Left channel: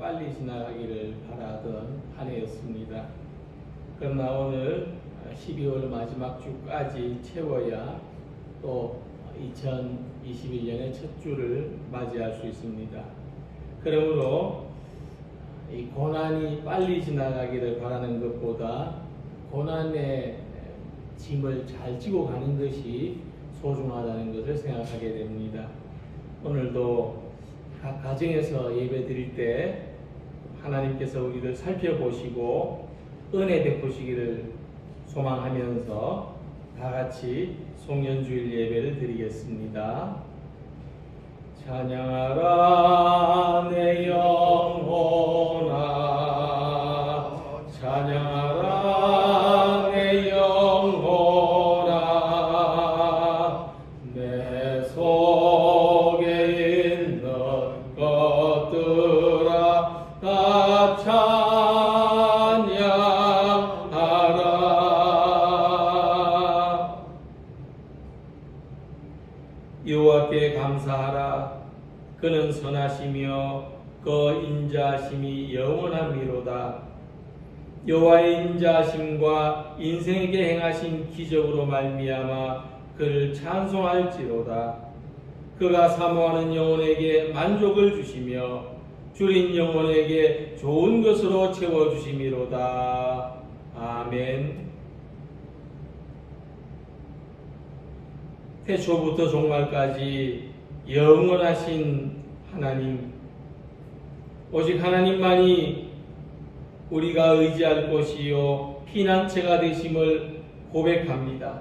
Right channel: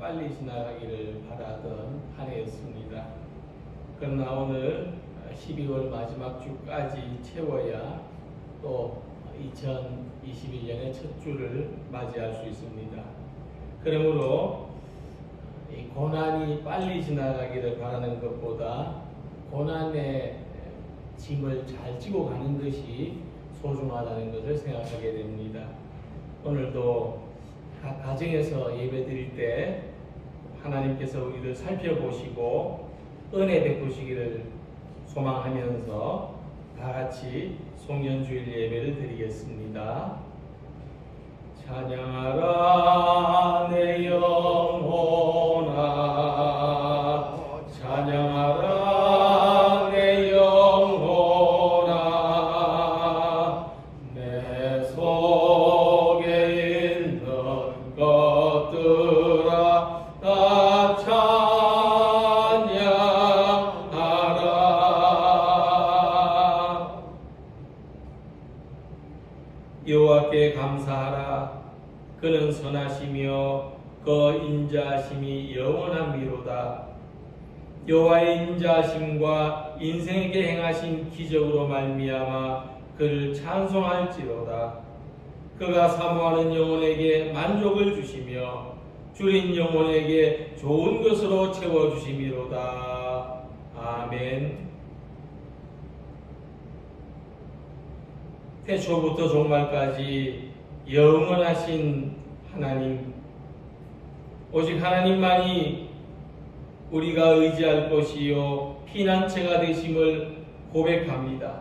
빨리 지나가기를 바라던 한 해였습니다. 그러나 오늘 12월 마지막 주까지 채워야 또 2021년의 첫 주를 맞이할 수 있습니다. 그러므로 이 고난이 빨리 지나가기를 바라는 것보다 고난의 짐을 잘 지고 가는 것이 소중하다는 것을 생각하게 됩니다. 오늘도 각 가정에서 예배 드릴 때 하나님께서 우리를 살펴보시고 은혜 베푸시기를 소망하면서 다 같이 송년주일 예배를 드리겠습니다. 찬양하라 내 영혼아, 찬양하라 내 영혼아, 내 속에 있는 것들아 다 찬양하라. 여호와께 감사하라. 그는 선하시며 그 인자하심이 영원함이로다. 여호와의 인자하심과 인생에게 행하신 기적으로 말미암아 그를 찬송할지로다. 그가 사모하는 영혼에게 만족을 주시며 줄인 영혼에게 좋은 것으로 채워주심이로다. 아멘. 태초부터 종말까지 영원하신 하나님, 오직 하나님만이 우리가 의지할 것이요 피난처가 되심을 고백합니다.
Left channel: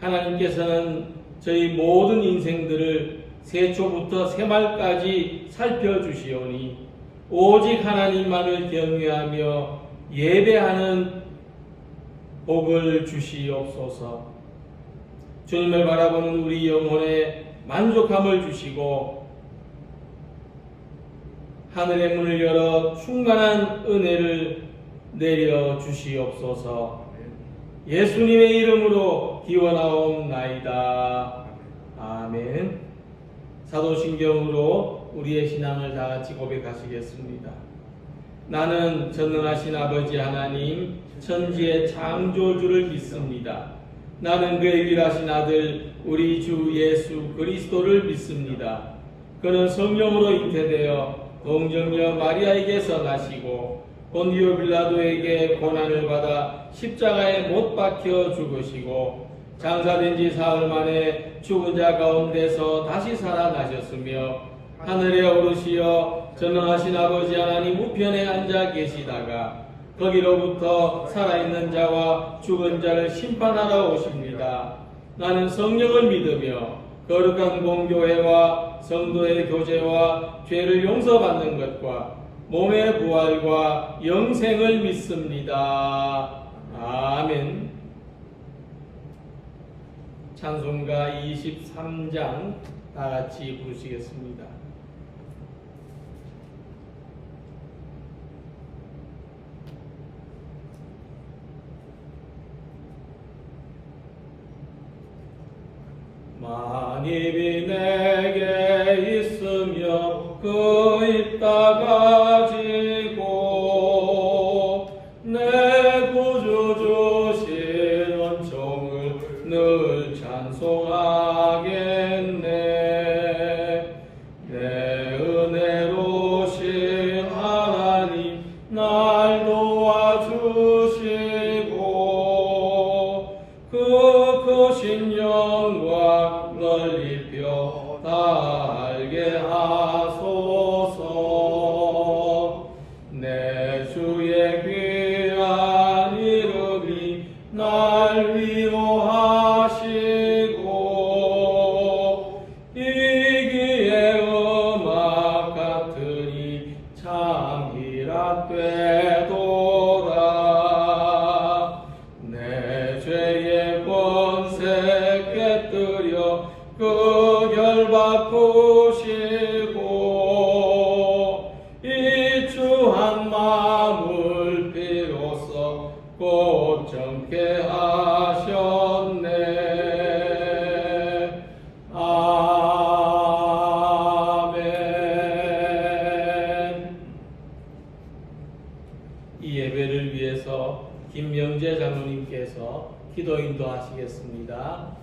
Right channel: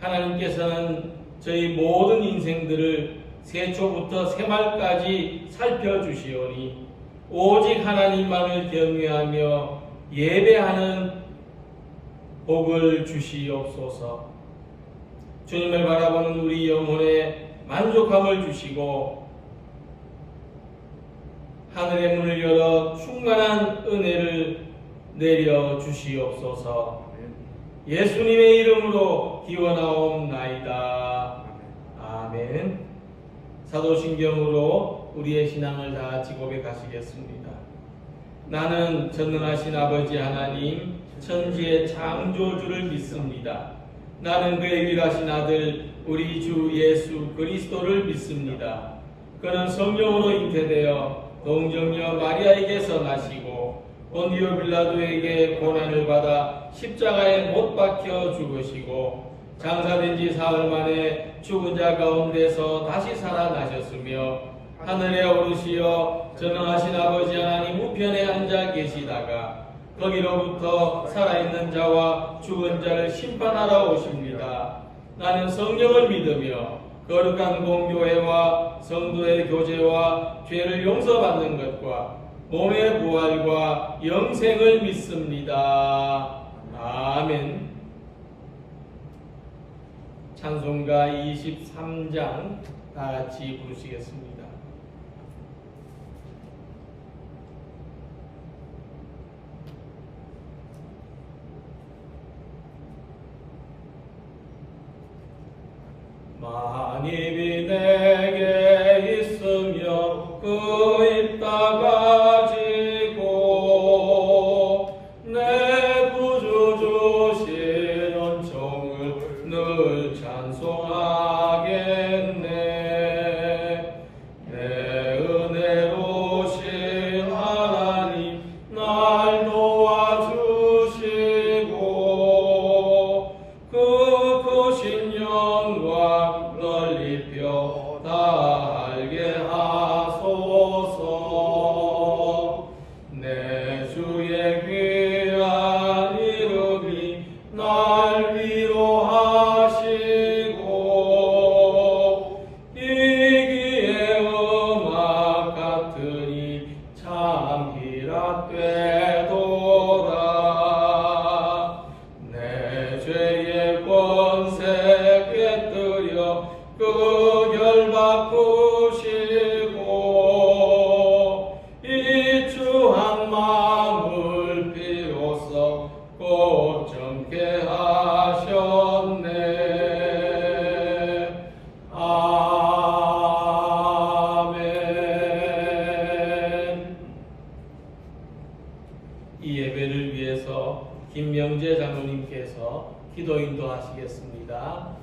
하나님께서는 저희 모든 인생들을 세초부터 새말까지 살펴주시오니 오직 하나님만을 경외하며 예배하는 복을 주시옵소서. 주님을 바라보는 우리 영혼에 만족함을 주시고 하늘의 문을 열어 충만한 은혜를 내려 주시옵소서. 예수님의 이름으로 기원하옵나이다. 아멘. 사도신경으로 우리의 신앙을 다 같이 고백하시겠습니다. 나는 전능하신 아버지 하나님 천지의 창조주를 믿습니다. 나는 그의 유일하신 아들 우리 주 예수 그리스도를 믿습니다. 그는 성령으로 잉태되어 동정녀 마리아에게서 나시고 본디오 빌라도에게 고난을 받아 십자가에 못 박혀 죽으시고 장사된 지 사흘 만에 죽은 자 가운데서 다시 살아나셨으며 하늘에 오르시어 전능하신 아버지 하나님 우편에 앉아 계시다가 거기로부터 살아있는 자와 죽은 자를 심판하러 오십니다. 나는 성령을 믿으며 거룩한 공교회와 성도의 교제와 죄를 용서받는 것과 몸의 부활과 영생을 믿습니다. 아멘. 찬송가 23장 다 같이 부르시겠습니다. 만입이 내게 있으며 그 있다 가지고 내 구주 주신 은총을 늘 찬송하겠네. 내 은혜로신 하나님 날 도와주시고 그 크신 영광 널리 펴 달게 하소서. 내 주의 귀한 이름이 날 위로하시고 이기의 음악 같으니 참 희락되도다. 내 죄의 권세 깨뜨려 기도하시겠습니다.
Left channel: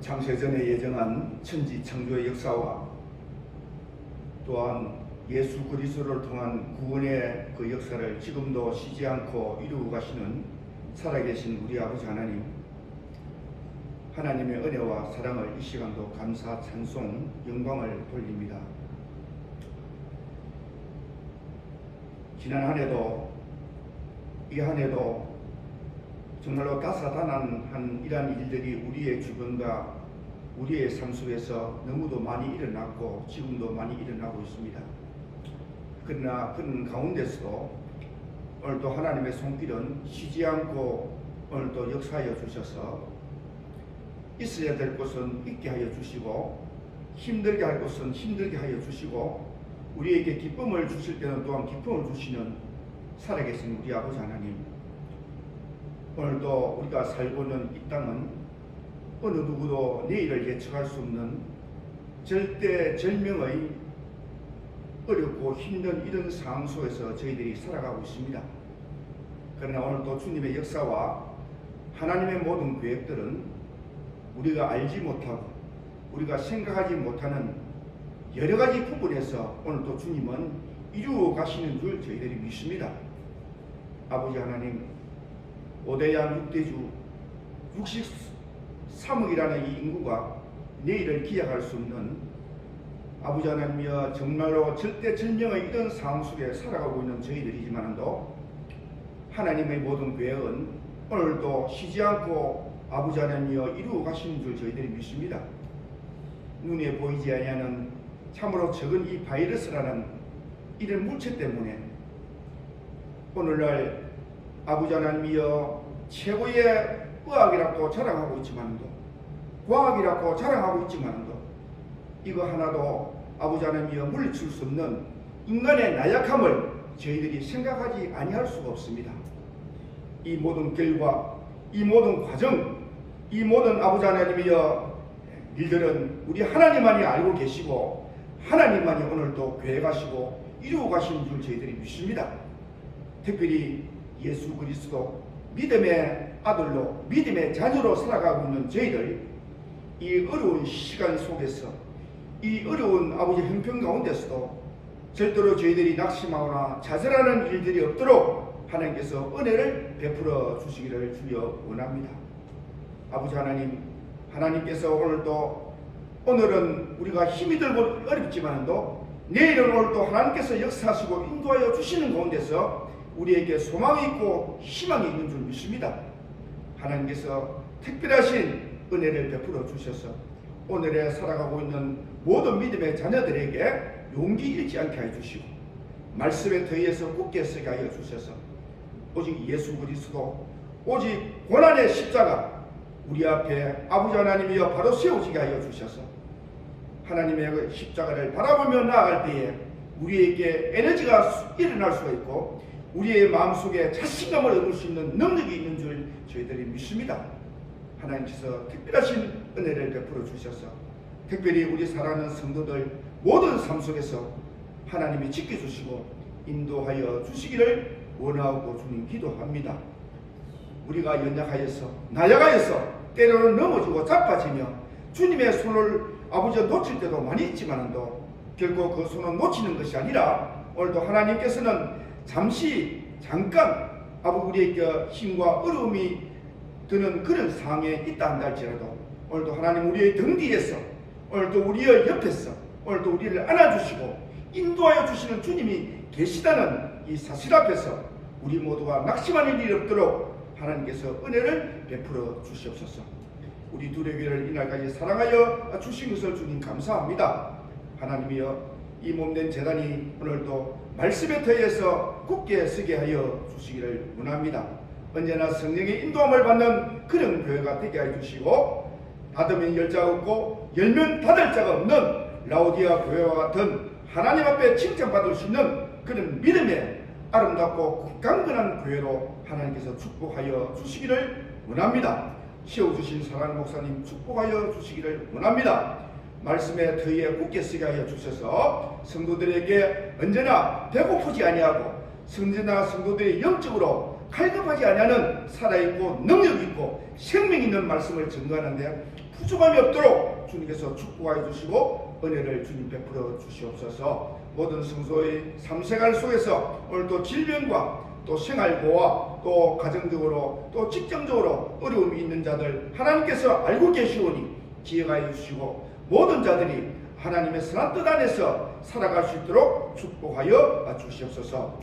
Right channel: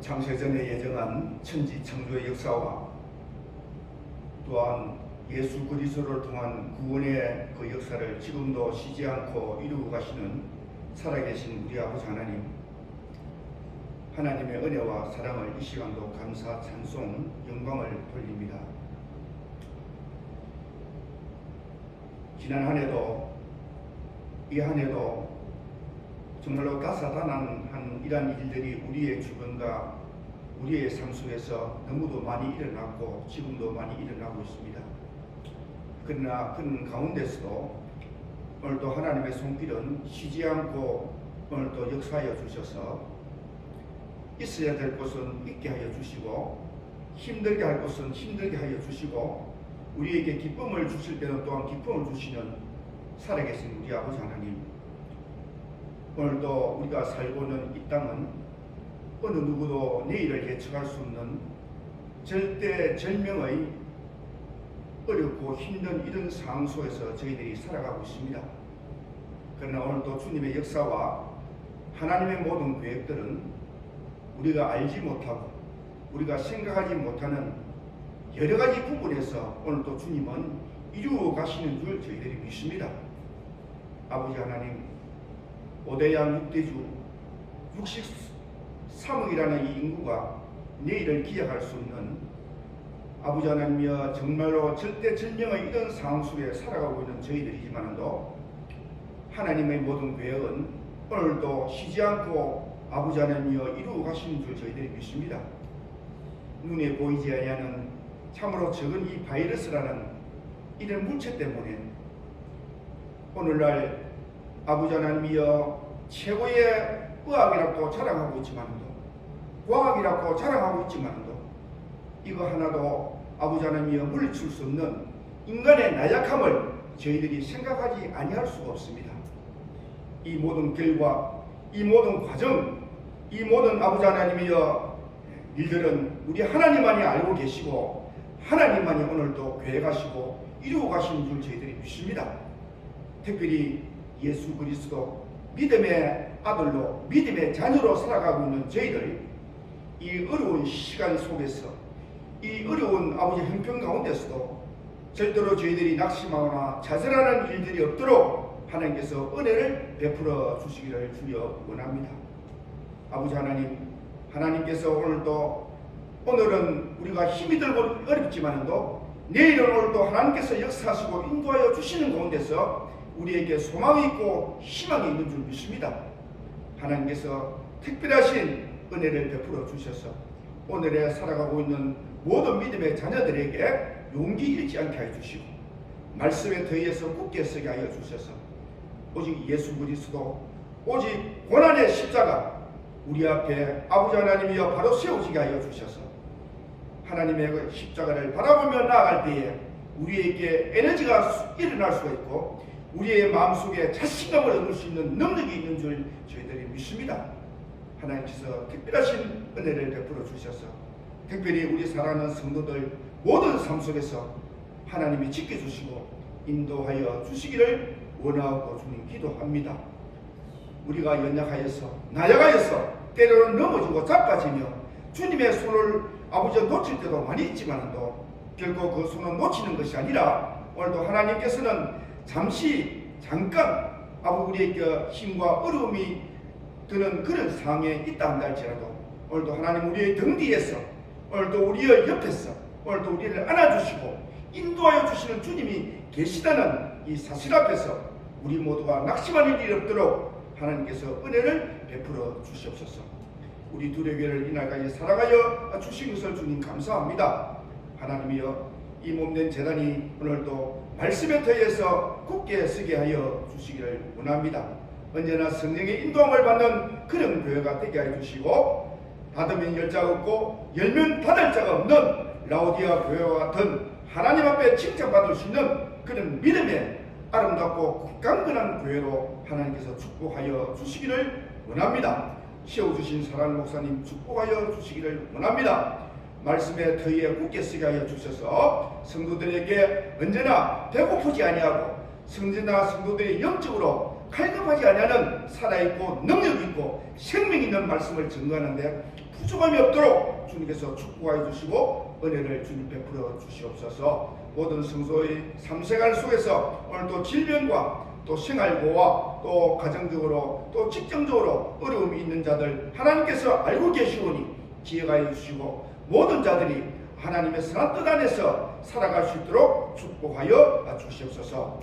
창세전에 예정한 천지 창조의 역사와 또한 예수 그리스도를 통한 구원의 그 역사를 지금도 쉬지 않고 이루고 가시는 살아계신 우리 아버지 하나님, 하나님의 은혜와 사랑을 이 시간도 감사, 찬송, 영광을 돌립니다. 지난 한 해도 이 한 해도 정말로 다사다난한 이러한 일들이 우리의 주변과 우리의 삶 속에서 너무도 많이 일어났고 지금도 많이 일어나고 있습니다. 그러나 그런 가운데서도 오늘도 하나님의 손길은 쉬지 않고 오늘도 역사하여 주셔서 있어야 될 곳은 있게 하여 주시고 힘들게 할 곳은 힘들게 하여 주시고 우리에게 기쁨을 주실 때는 또한 기쁨을 주시는 살아계신 우리 아버지 하나님, 오늘도 우리가 살고 있는 이 땅은 어느 누구도 내일을 예측할 수 없는 절대절명의 어렵고 힘든 이런 상황 속에서 저희들이 살아가고 있습니다. 그러나 오늘도 주님의 역사와 하나님의 모든 계획들은 우리가 알지 못하고 우리가 생각하지 못하는 여러 가지 부분에서 오늘도 주님은 이루어 가시는 줄 저희들이 믿습니다. 아버지 하나님, 5대양 6대주 63억이라는 이 인구가 내일을 기약할 수 없는 아버지 하나님이여 정말로 절대절명의 이런 상황 속에 살아가고 있는 저희들이지만도 하나님의 모든 계획은 오늘도 쉬지 않고 아버지 하나님이여 이루어 가시는 줄 저희들이 믿습니다. 눈에 보이지 아니하는 참으로 적은 이 바이러스라는 이런 물체 때문에 오늘날 아버지 하나님이여 최고의 의학이라고 자랑하고 있지만도 과학이라고 자랑하고 있지만도 이거 하나도 아버지 하나님이여 물리칠 수 없는 인간의 나약함을 저희들이 생각하지 아니할 수가 없습니다. 이 모든 결과, 이 모든 과정, 이 모든 아버지 하나님이여 일들은 우리 하나님만이 알고 계시고 하나님만이 오늘도 계획하시고 이루어 가시는 줄 저희들이 믿습니다. 특별히 예수 그리스도 믿음의 아들로 믿음의 자녀로 살아가고 있는 저희들, 이 어려운 시간 속에서 이 어려운 아버지 형편 가운데서도 절대로 저희들이 낙심하거나 좌절하는 일들이 없도록 하나님께서 은혜를 베풀어 주시기를 주여 원합니다. 아버지 하나님, 하나님께서 오늘은 우리가 힘이 들고 어렵지만도 내일은 오늘도 하나님께서 역사하시고 인도하여 주시는 가운데서 우리에게 소망이 있고 희망이 있는 줄 믿습니다. 하나님께서 특별하신 은혜를 베풀어 주셔서 오늘에 살아가고 있는 모든 믿음의 자녀들에게 용기 잃지 않게 하여 주시고 말씀에 더해서 굳게 서게 하여 주셔서 오직 예수 그리스도, 오직 고난의 십자가 우리 앞에 아버지 하나님이여 바로 세우시게 하여 주셔서 하나님의 십자가를 바라보며 나아갈 때에 우리에게 에너지가 일어날 수가 있고 우리의 마음속에 자신감을 얻을 수 있는 능력이 있는 줄 저희들이 믿습니다. 하나님께서 특별하신 은혜를 베풀어 주셔서 특별히 우리 사랑하는 성도들 모든 삶 속에서 하나님이 지켜주시고 인도하여 주시기를 원하고 주님 기도합니다. 우리가 연약하여서 나약하여서 때로는 넘어지고 자빠지며 주님의 손을 아버지가 놓칠 때도 많이 있지만도 결국 그 손을 놓치는 것이 아니라 오늘도 하나님께서는 잠깐 우리에게 힘과 어려움이 드는 그런 상황에 있다 한다 할지라도 오늘도 하나님 우리의 등 뒤에서 오늘도 우리의 옆에서 오늘도 우리를 안아주시고 인도하여 주시는 주님이 계시다는 이 사실 앞에서 우리 모두가 낙심하는 일이 없도록 하나님께서 은혜를 베풀어 주시옵소서. 우리 둘의 교회를 이날까지 사랑하여 주신 것을 주님 감사합니다. 하나님이여 이 몸된 재단이 오늘도 말씀에 더해서 굳게 서게 하여 주시기를 원합니다. 언제나 성령의 인도함을 받는 그런 교회가 되게 하여 주시고 닫으면 열 자가 없고 열면 닫을 자가 없는 라오디아 교회와 같은 하나님 앞에 칭찬받을 수 있는 그런 믿음의 아름답고 강건한 교회로 하나님께서 축복하여 주시기를 원합니다. 세워주신 사랑하는 목사님 축복하여 주시기를 원합니다. 말씀의 터위에 굳게 서게 하여 주셔서 성도들에게 언제나 배고프지 아니하고 성전나 성도들이 영적으로 갈급하지 아니하는 살아있고 능력있고 생명 있는 말씀을 증거하는데 부족함이 없도록 주님께서 축복하여 주시고 은혜를 주님 베풀어 주시옵소서. 모든 성도의 삶생활 속에서 오늘도 질병과 또 생활고와 또 가정적으로 또 직장적으로 어려움이 있는 자들 하나님께서 알고 계시오니 기억하여 주시고 모든 자들이 하나님의 선한 뜻 안에서 살아갈 수 있도록 축복하여 주시옵소서.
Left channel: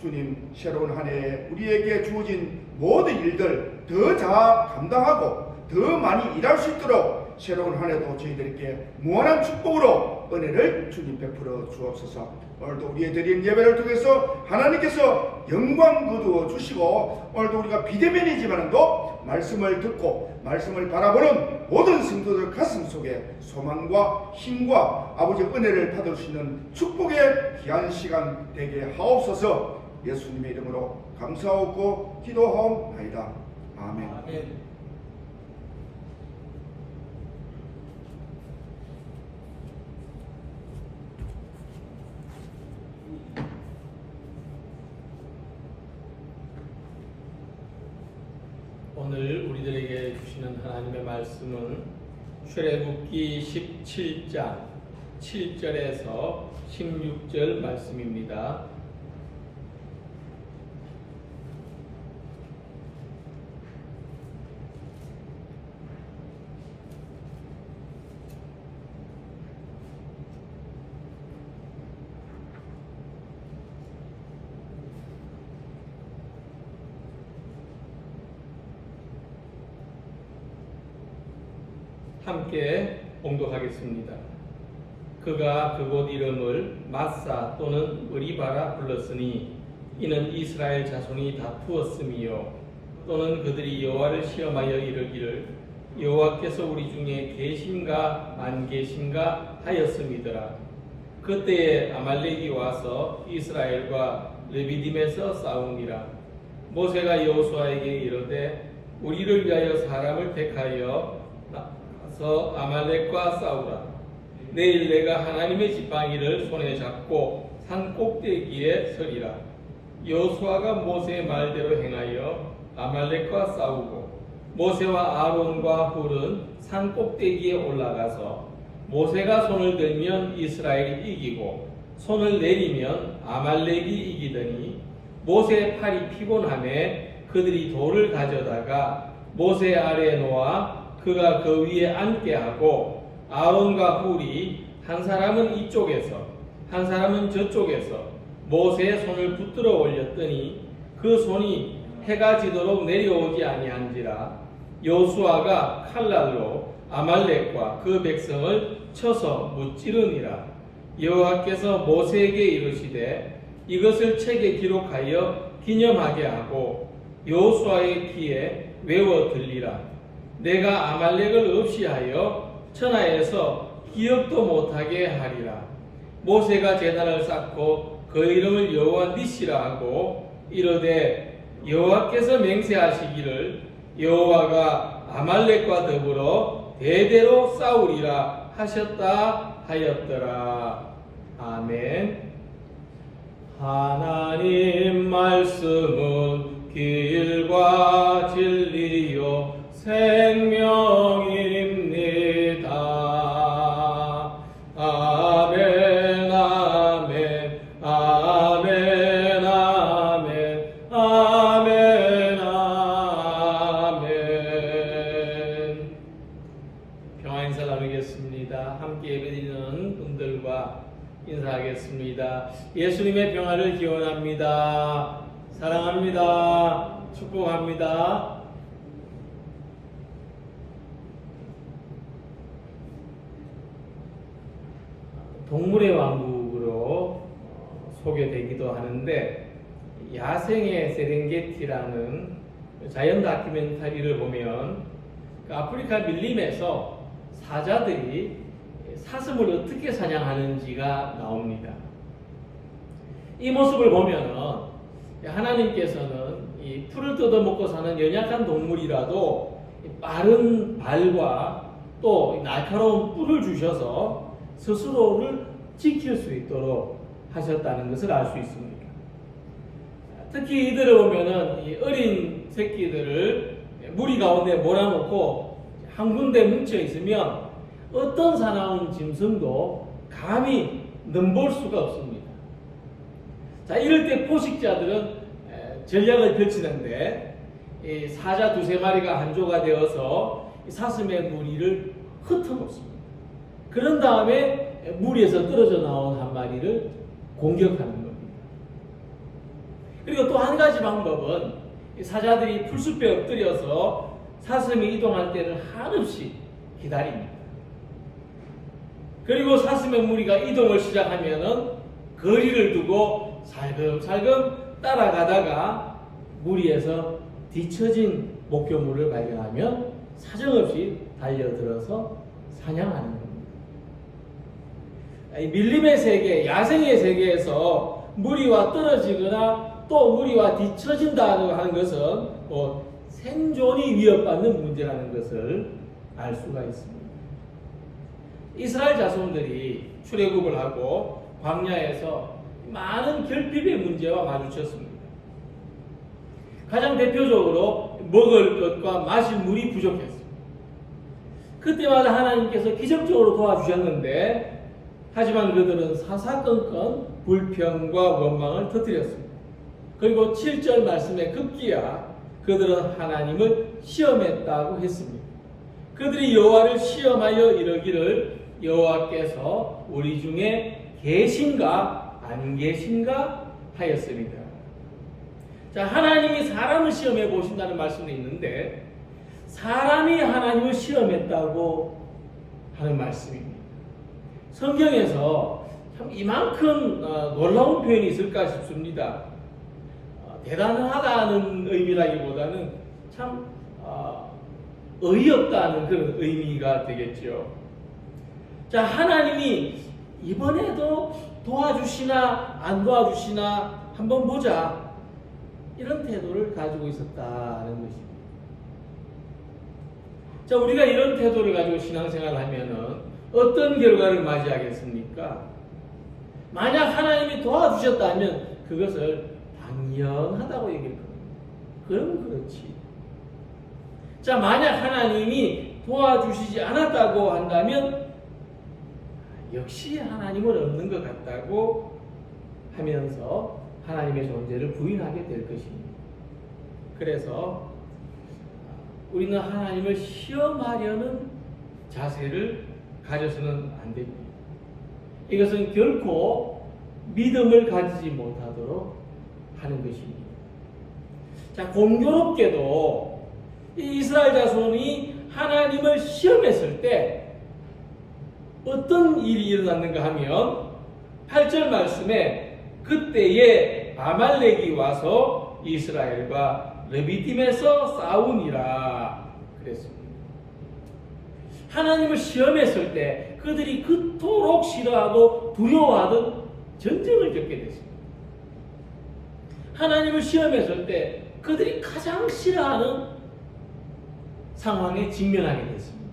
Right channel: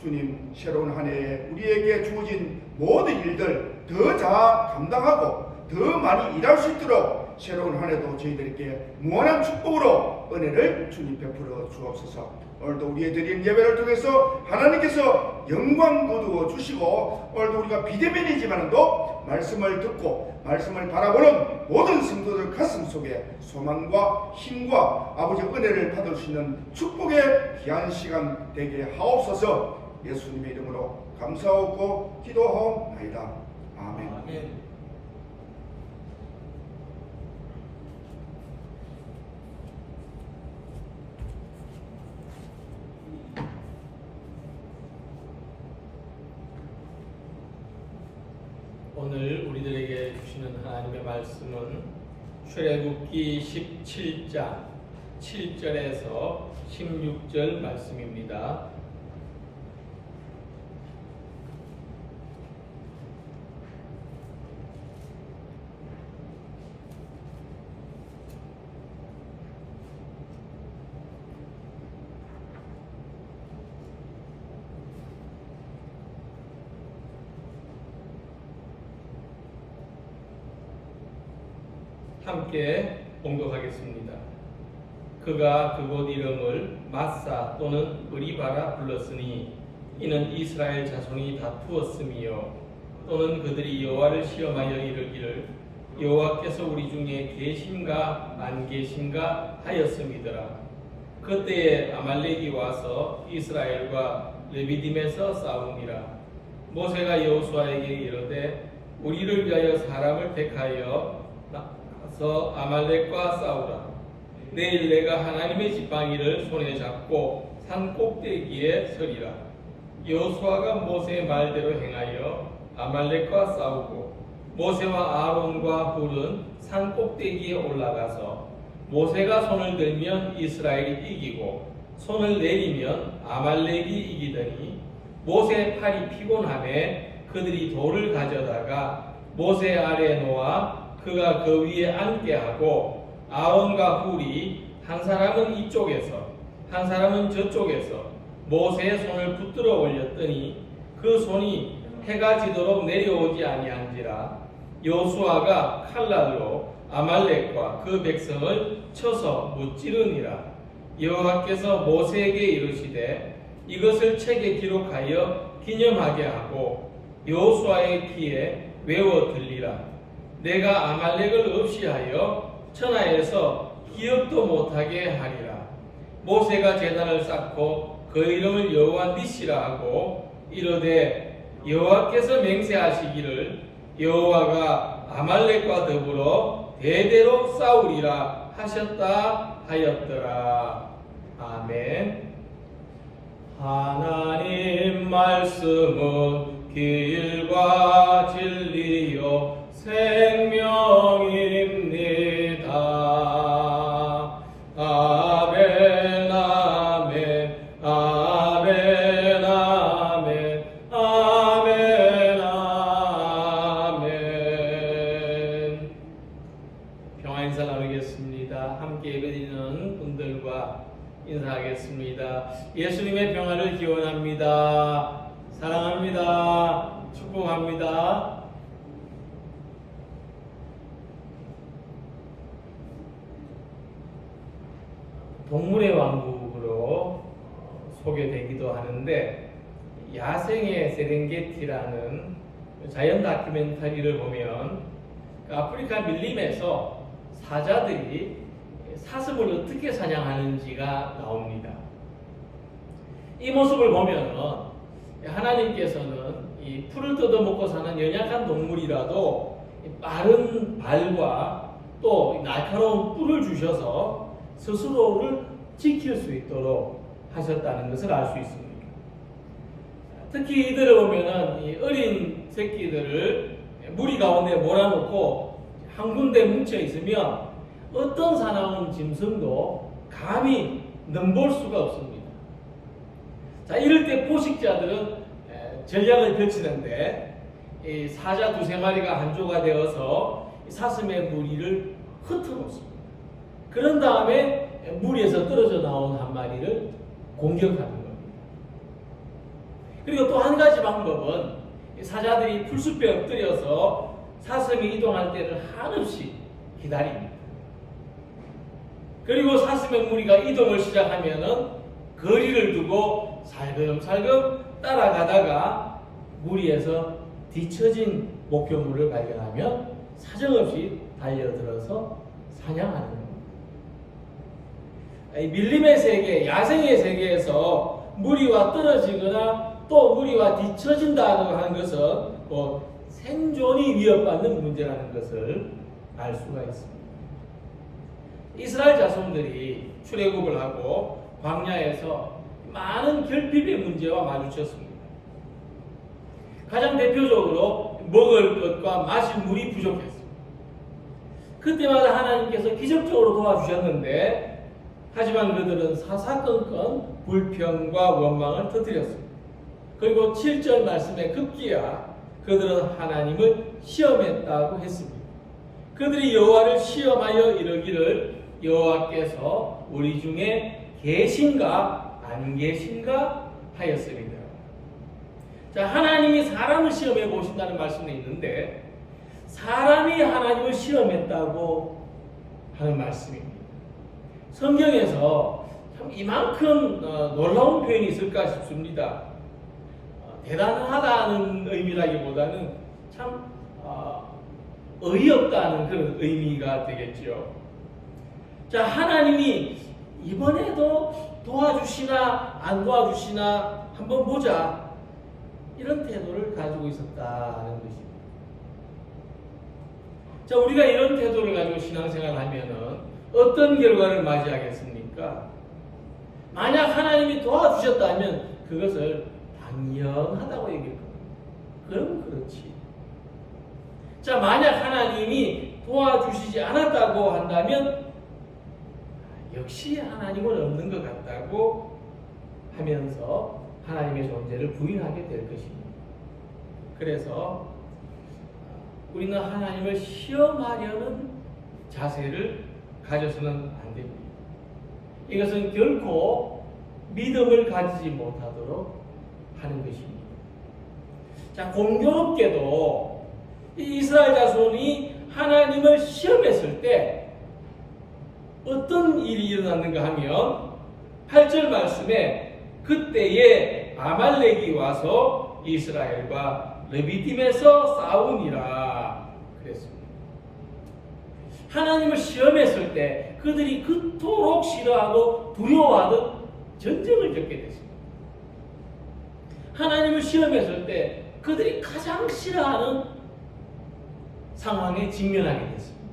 주님, 새로운 한 해에 우리에게 주어진 모든 일들 더 잘 감당하고 더 많이 일할 수 있도록 새로운 한 해도 저희들에게 무한한 축복으로 은혜를 주님 베풀어 주옵소서. 오늘도 우리의 드린 예배를 통해서 하나님께서 영광 거두어 주시고 오늘도 우리가 비대면이지만도 말씀을 듣고 말씀을 바라보는 모든 성도들 가슴 속에 소망과 힘과 아버지의 은혜를 받을 수 있는 축복의 귀한 시간 되게 하옵소서. 예수님의 이름으로 감사하고 기도하옵나이다. 아멘. 아멘. 오늘 우리들에게 주시는 하나님의 말씀은 출애굽기 17장 7절에서 16절 말씀입니다. 함께 봉독하겠습니다. 그가 그곳 이름을 마사 또는 의리바라 불렀으니 이는 이스라엘 자손이 다투었음이요 또는 그들이 여호와를 시험하여 이르기를 여호와께서 우리 중에 계신가 만계신가 하였음이더라. 그때에 아말렉이 와서 이스라엘과 르비딤에서 싸우니라. 모세가 여호수아에게 이르되 우리를 위하여 사람을 택하여 아말렉과 싸우라. 내일 내가 하나님의 지팡이를 손에 잡고 산 꼭대기에 서리라. 여호수아가 모세의 말대로 행하여 아말렉과 싸우고 모세와 아론과 훌은 산 꼭대기에 올라가서 모세가 손을 들면 이스라엘이 이기고 손을 내리면 아말렉이 이기더니 모세의 팔이 피곤하매 그들이 돌을 가져다가 모세 아래에 놓아 그가 그 위에 앉게 하고 아론과 훌이 한 사람은 이쪽에서 한 사람은 저쪽에서 모세의 손을 붙들어 올렸더니 그 손이 해가 지도록 내려오지 아니한지라. 여호수아가 칼날로 아말렉과 그 백성을 쳐서 무찌르니라. 여호와께서 모세에게 이르시되 이것을 책에 기록하여 기념하게 하고 여호수아의 귀에 외워 들리라. 내가 아말렉을 없이하여 천하에서 기억도 못하게 하리라. 모세가 제단을 쌓고 그 이름을 여호와 니시라 하고 이르되 여호와께서 맹세하시기를 여호와가 아말렉과 더불어 대대로 싸우리라 하셨다 하였더라. 아멘. 하나님 말씀은 길과 진리요 생명입니다. 아멘 아멘 아멘 아멘 아멘 아멘. 평화 인사 나누겠습니다. 함께 예배드리는 분들과 인사하겠습니다. 예수님의 평화를 기원합니다. 사랑합니다. 축복합니다. 동물의 왕국으로 소개되기도 하는데 야생의 세렝게티라는 자연 다큐멘터리를 보면 아프리카 밀림에서 사자들이 사슴을 어떻게 사냥하는지가 나옵니다. 이 모습을 보면은 하나님께서는 이 풀을 뜯어먹고 사는 연약한 동물이라도 빠른 발과 또 날카로운 뿔을 주셔서 스스로를 지킬 수 있도록 하셨다는 것을 알 수 있습니다. 특히 이들을 보면은 이 어린 새끼들을 무리 가운데 몰아놓고 한 군데 뭉쳐 있으면 어떤 사나운 짐승도 감히 넘볼 수가 없습니다. 자, 이럴 때 포식자들은 전략을 펼치는데 이 사자 두세 마리가 한조가 되어서 사슴의 무리를 흩어놓습니다. 그런 다음에 무리에서 떨어져 나온 한 마리를 공격하는 겁니다. 그리고 또 한 가지 방법은 사자들이 풀숲에 엎드려서 사슴이 이동할 때를 한없이 기다립니다. 그리고 사슴의 무리가 이동을 시작하면은 거리를 두고 살금살금 따라가다가 무리에서 뒤처진 목표물을 발견하면 사정없이 달려들어서 사냥하는 겁니다. 밀림의 세계, 야생의 세계에서 무리와 떨어지거나 또 무리와 뒤처진다고 하는 것은 생존이 위협받는 문제라는 것을 알 수가 있습니다. 이스라엘 자손들이 출애굽을 하고 광야에서 많은 결핍의 문제와 마주쳤습니다. 가장 대표적으로 먹을 것과 마실 물이 부족했습니다. 그때마다 하나님께서 기적적으로 도와주셨는데 하지만 그들은 사사건건 불평과 원망을 터뜨렸습니다. 그리고 7절 말씀에 급기야 그들은 하나님을 시험했다고 했습니다. 그들이 여호와를 시험하여 이르기를 여호와께서 우리 중에 계신가 안 계신가 하였습니다. 자, 하나님이 사람을 시험해 보신다는 말씀도 있는데 사람이 하나님을 시험했다고 하는 말씀입니다. 성경에서 참 이만큼 놀라운 표현이 있을까 싶습니다. 대단하다는 의미라기보다는 참 어이없다는 그런 의미가 되겠죠. 자, 하나님이 이번에도 도와주시나 안 도와주시나 한번 보자, 이런 태도를 가지고 있었다는 것입니다. 자, 우리가 이런 태도를 가지고 신앙생활을 하면은 어떤 결과를 맞이하겠습니까? 만약 하나님이 도와주셨다면 그것을 당연하다고 얘기할 겁니다. 그럼 그렇지. 자, 만약 하나님이 도와주시지 않았다고 한다면 역시 하나님은 없는 것 같다고 하면서 하나님의 존재를 부인하게 될 것입니다. 그래서 우리는 하나님을 시험하려는 자세를 가져서는 안 됩니다. 이것은 결코 믿음을 가지지 못하도록 하는 것입니다. 자, 공교롭게도 이 이스라엘 자손이 하나님을 시험했을 때 어떤 일이 일어났는가 하면 8절 말씀에 그때에 아말렉이 와서 이스라엘과 르비딤에서 싸우니라 그랬습니다. 하나님을 시험했을 때 그들이 그토록 싫어하고 두려워하던 전쟁을 겪게 됐습니다. 하나님을 시험했을 때 그들이 가장 싫어하는 상황에 직면하게 됐습니다.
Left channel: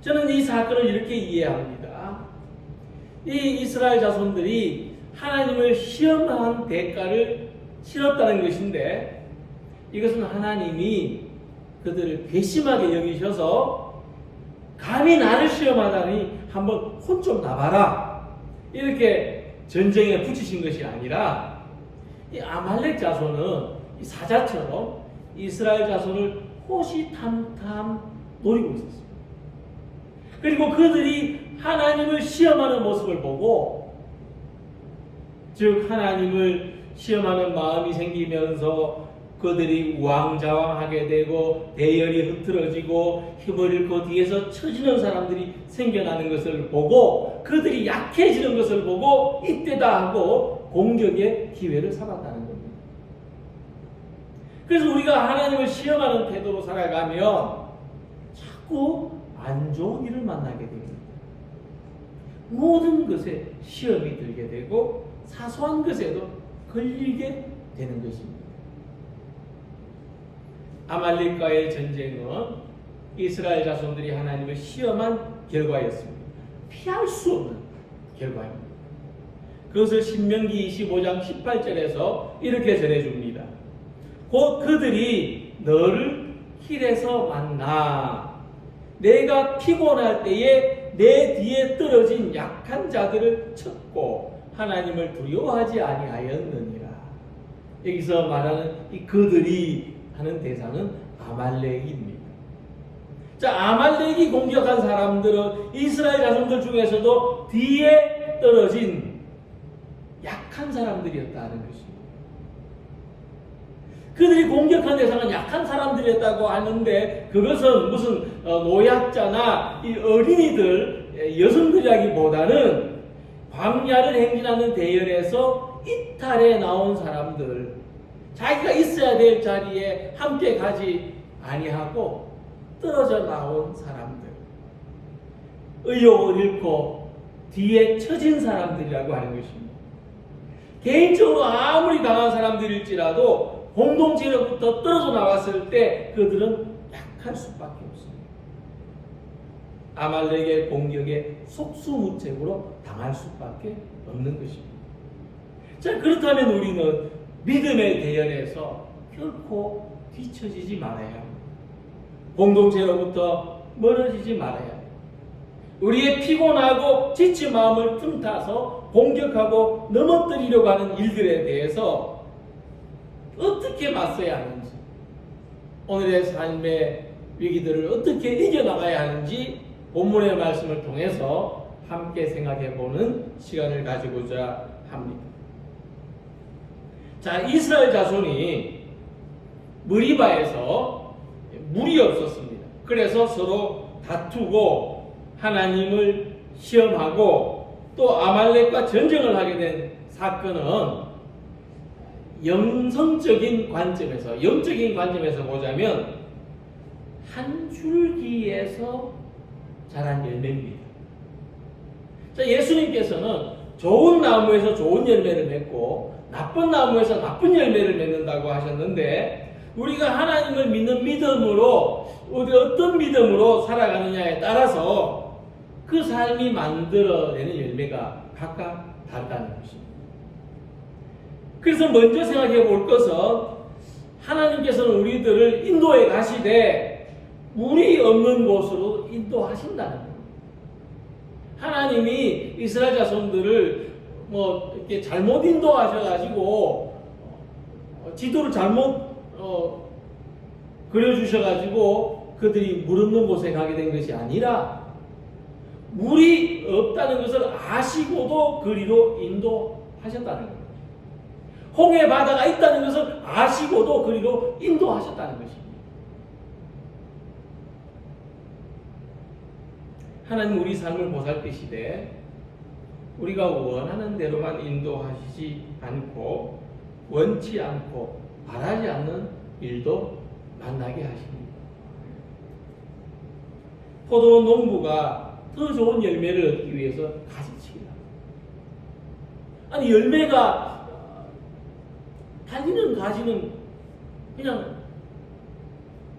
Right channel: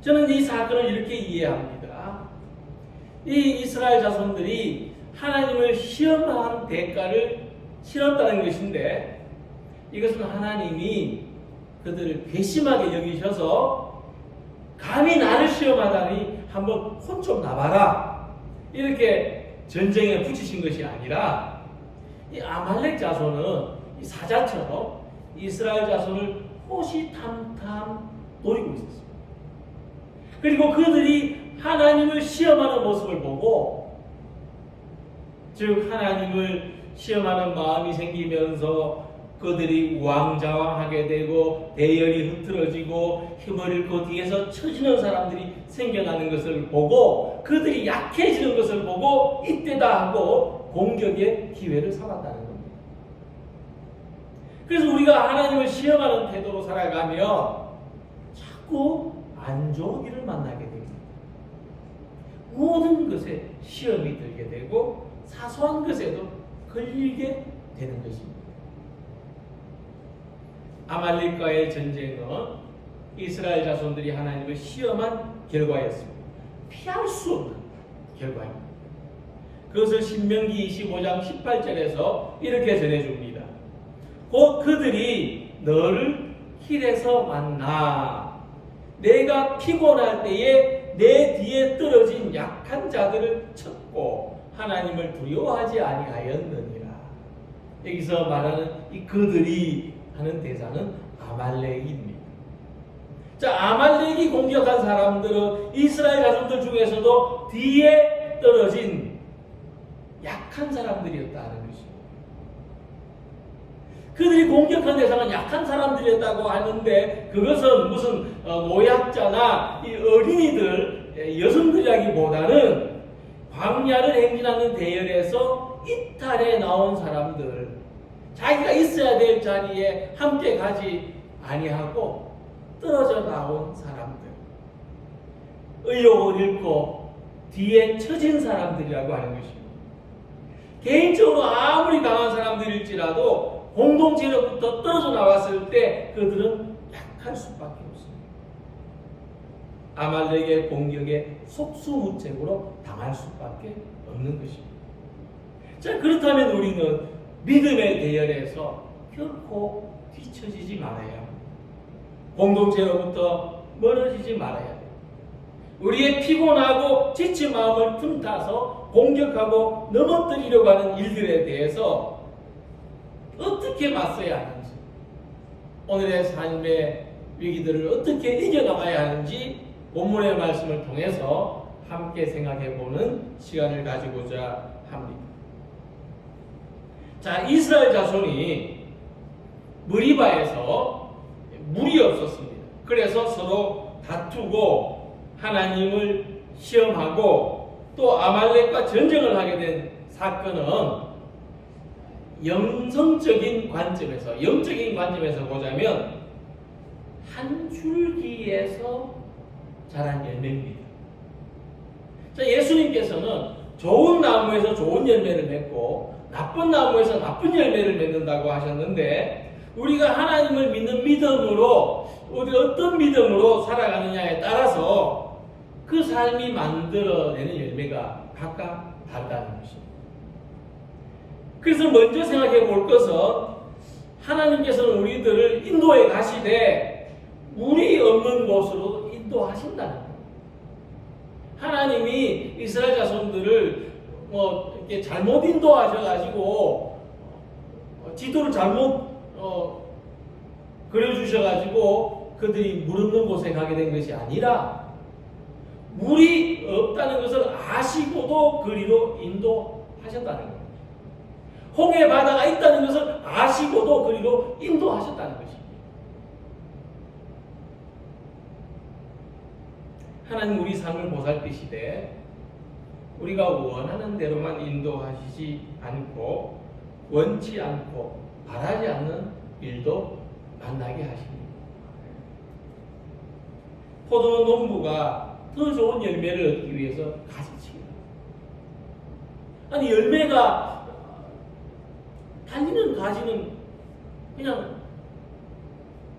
저는 이 사건을 이렇게 이해합니다. 이 이스라엘 자손들이 하나님을 시험한 대가를 치렀다는 것인데 이것은 하나님이 그들을 괘씸하게 여기셔서 감히 나를 시험하다니 한번 혼 좀 나봐라, 이렇게 전쟁에 붙이신 것이 아니라 이 아말렉 자손은 이 사자처럼 이스라엘 자손을 호시탐탐 노리고 있었습니다. 그리고 그들이 하나님을 시험하는 모습을 보고, 즉 하나님을 시험하는 마음이 생기면서 그들이 우왕좌왕하게 되고 대열이 흐트러지고 힘을 잃고 뒤에서 처지는 사람들이 생겨나는 것을 보고 그들이 약해지는 것을 보고 이때다 하고 공격의 기회를 삼았다는 겁니다. 그래서 우리가 하나님을 시험하는 태도로 살아가면 자꾸 안 좋은 일을 만나게 됩니다. 모든 것에 시험이 들게 되고 사소한 것에도 걸리게 되는 것입니다. 아말렉과의 전쟁은 이스라엘 자손들이 하나님을 시험한 결과였습니다. 피할 수 없는 결과입니다. 그것을 신명기 25장 18절에서 이렇게 전해줍니다. 곧 그들이 너를 길에서 만나 내가 피곤할 때에 내 뒤에 떨어진 약한 자들을 쳤고 하나님을 두려워하지 아니하였느니라. 여기서 말하는 이 그들이 하는 대상은 아말렉입니다. 자, 아말렉이 공격한 사람들은 이스라엘 자손들 중에서도 뒤에 떨어진 약한 사람들이었다는 것입니다. 그들이 공격한 대상은 약한 사람들이었다고 하는데 그것은 무슨 노약자나 이 어린이들, 여성들이라기보다는 광야를 행진하는 대열에서 이탈해 나온 사람들, 자기가 있어야 될 자리에 함께 가지 아니하고 떨어져 나온 사람들, 의욕을 잃고 뒤에 처진 사람들이라고 하는 것입니다. 개인적으로 아무리 강한 사람들일지라도 공동체로부터 떨어져 나왔을 때 그들은 약할 수밖에 없습니다. 아말렉의 공격에 속수무책으로 당할 수밖에 없는 것입니다. 자, 그렇다면 우리는 믿음의 대열에서 결코 뒤처지지 말아야 합니다. 공동체로부터 멀어지지 말아야 합니다. 우리의 피곤하고 지친 마음을 틈타서 공격하고 넘어뜨리려고 하는 일들에 대해서 어떻게 맞서야 하는지, 오늘의 삶의 위기들을 어떻게 이겨나가야 하는지 본문의 말씀을 통해서 함께 생각해보는 시간을 가지고자 합니다. 자, 이스라엘 자손이 머리바에서 물이 없었습니다. 그래서 서로 다투고 하나님을 시험하고 또 아말렉과 전쟁을 하게 된 사건은 영적인 관점에서 보자면 한 줄기에서 자란 열매입니다. 자, 예수님께서는 좋은 나무에서 좋은 열매를 맺고 나쁜 나무에서 나쁜 열매를 맺는다고 하셨는데 우리가 하나님을 믿는 믿음으로 어떤 믿음으로 살아가느냐에 따라서 그 삶이 만들어내는 열매가 각각 다르다는 것입니다. 그래서 먼저 생각해 볼 것은 하나님께서는 우리들을 인도해 가시되 물이 없는 곳으로 인도하신다는 거예요. 하나님이 이스라엘 자손들을 이렇게 잘못 인도하셔가지고 지도를 잘못 그려주셔가지고 그들이 물 없는 곳에 가게 된 것이 아니라 물이 없다는 것을 아시고도 그리로 인도하셨다는 거예요. 홍해 바다가 있다는 것을 아시고도 그리로 인도하셨다는 것입니다. 하나님 우리 삶을 보살피시되 우리가 원하는 대로만 인도하시지 않고 원치 않고 바라지 않는 일도 만나게 하십니다. 포도 농부가 더 좋은 열매를 얻기 위해서 가지칩니다. 아니 열매가 달리는 가지는 그냥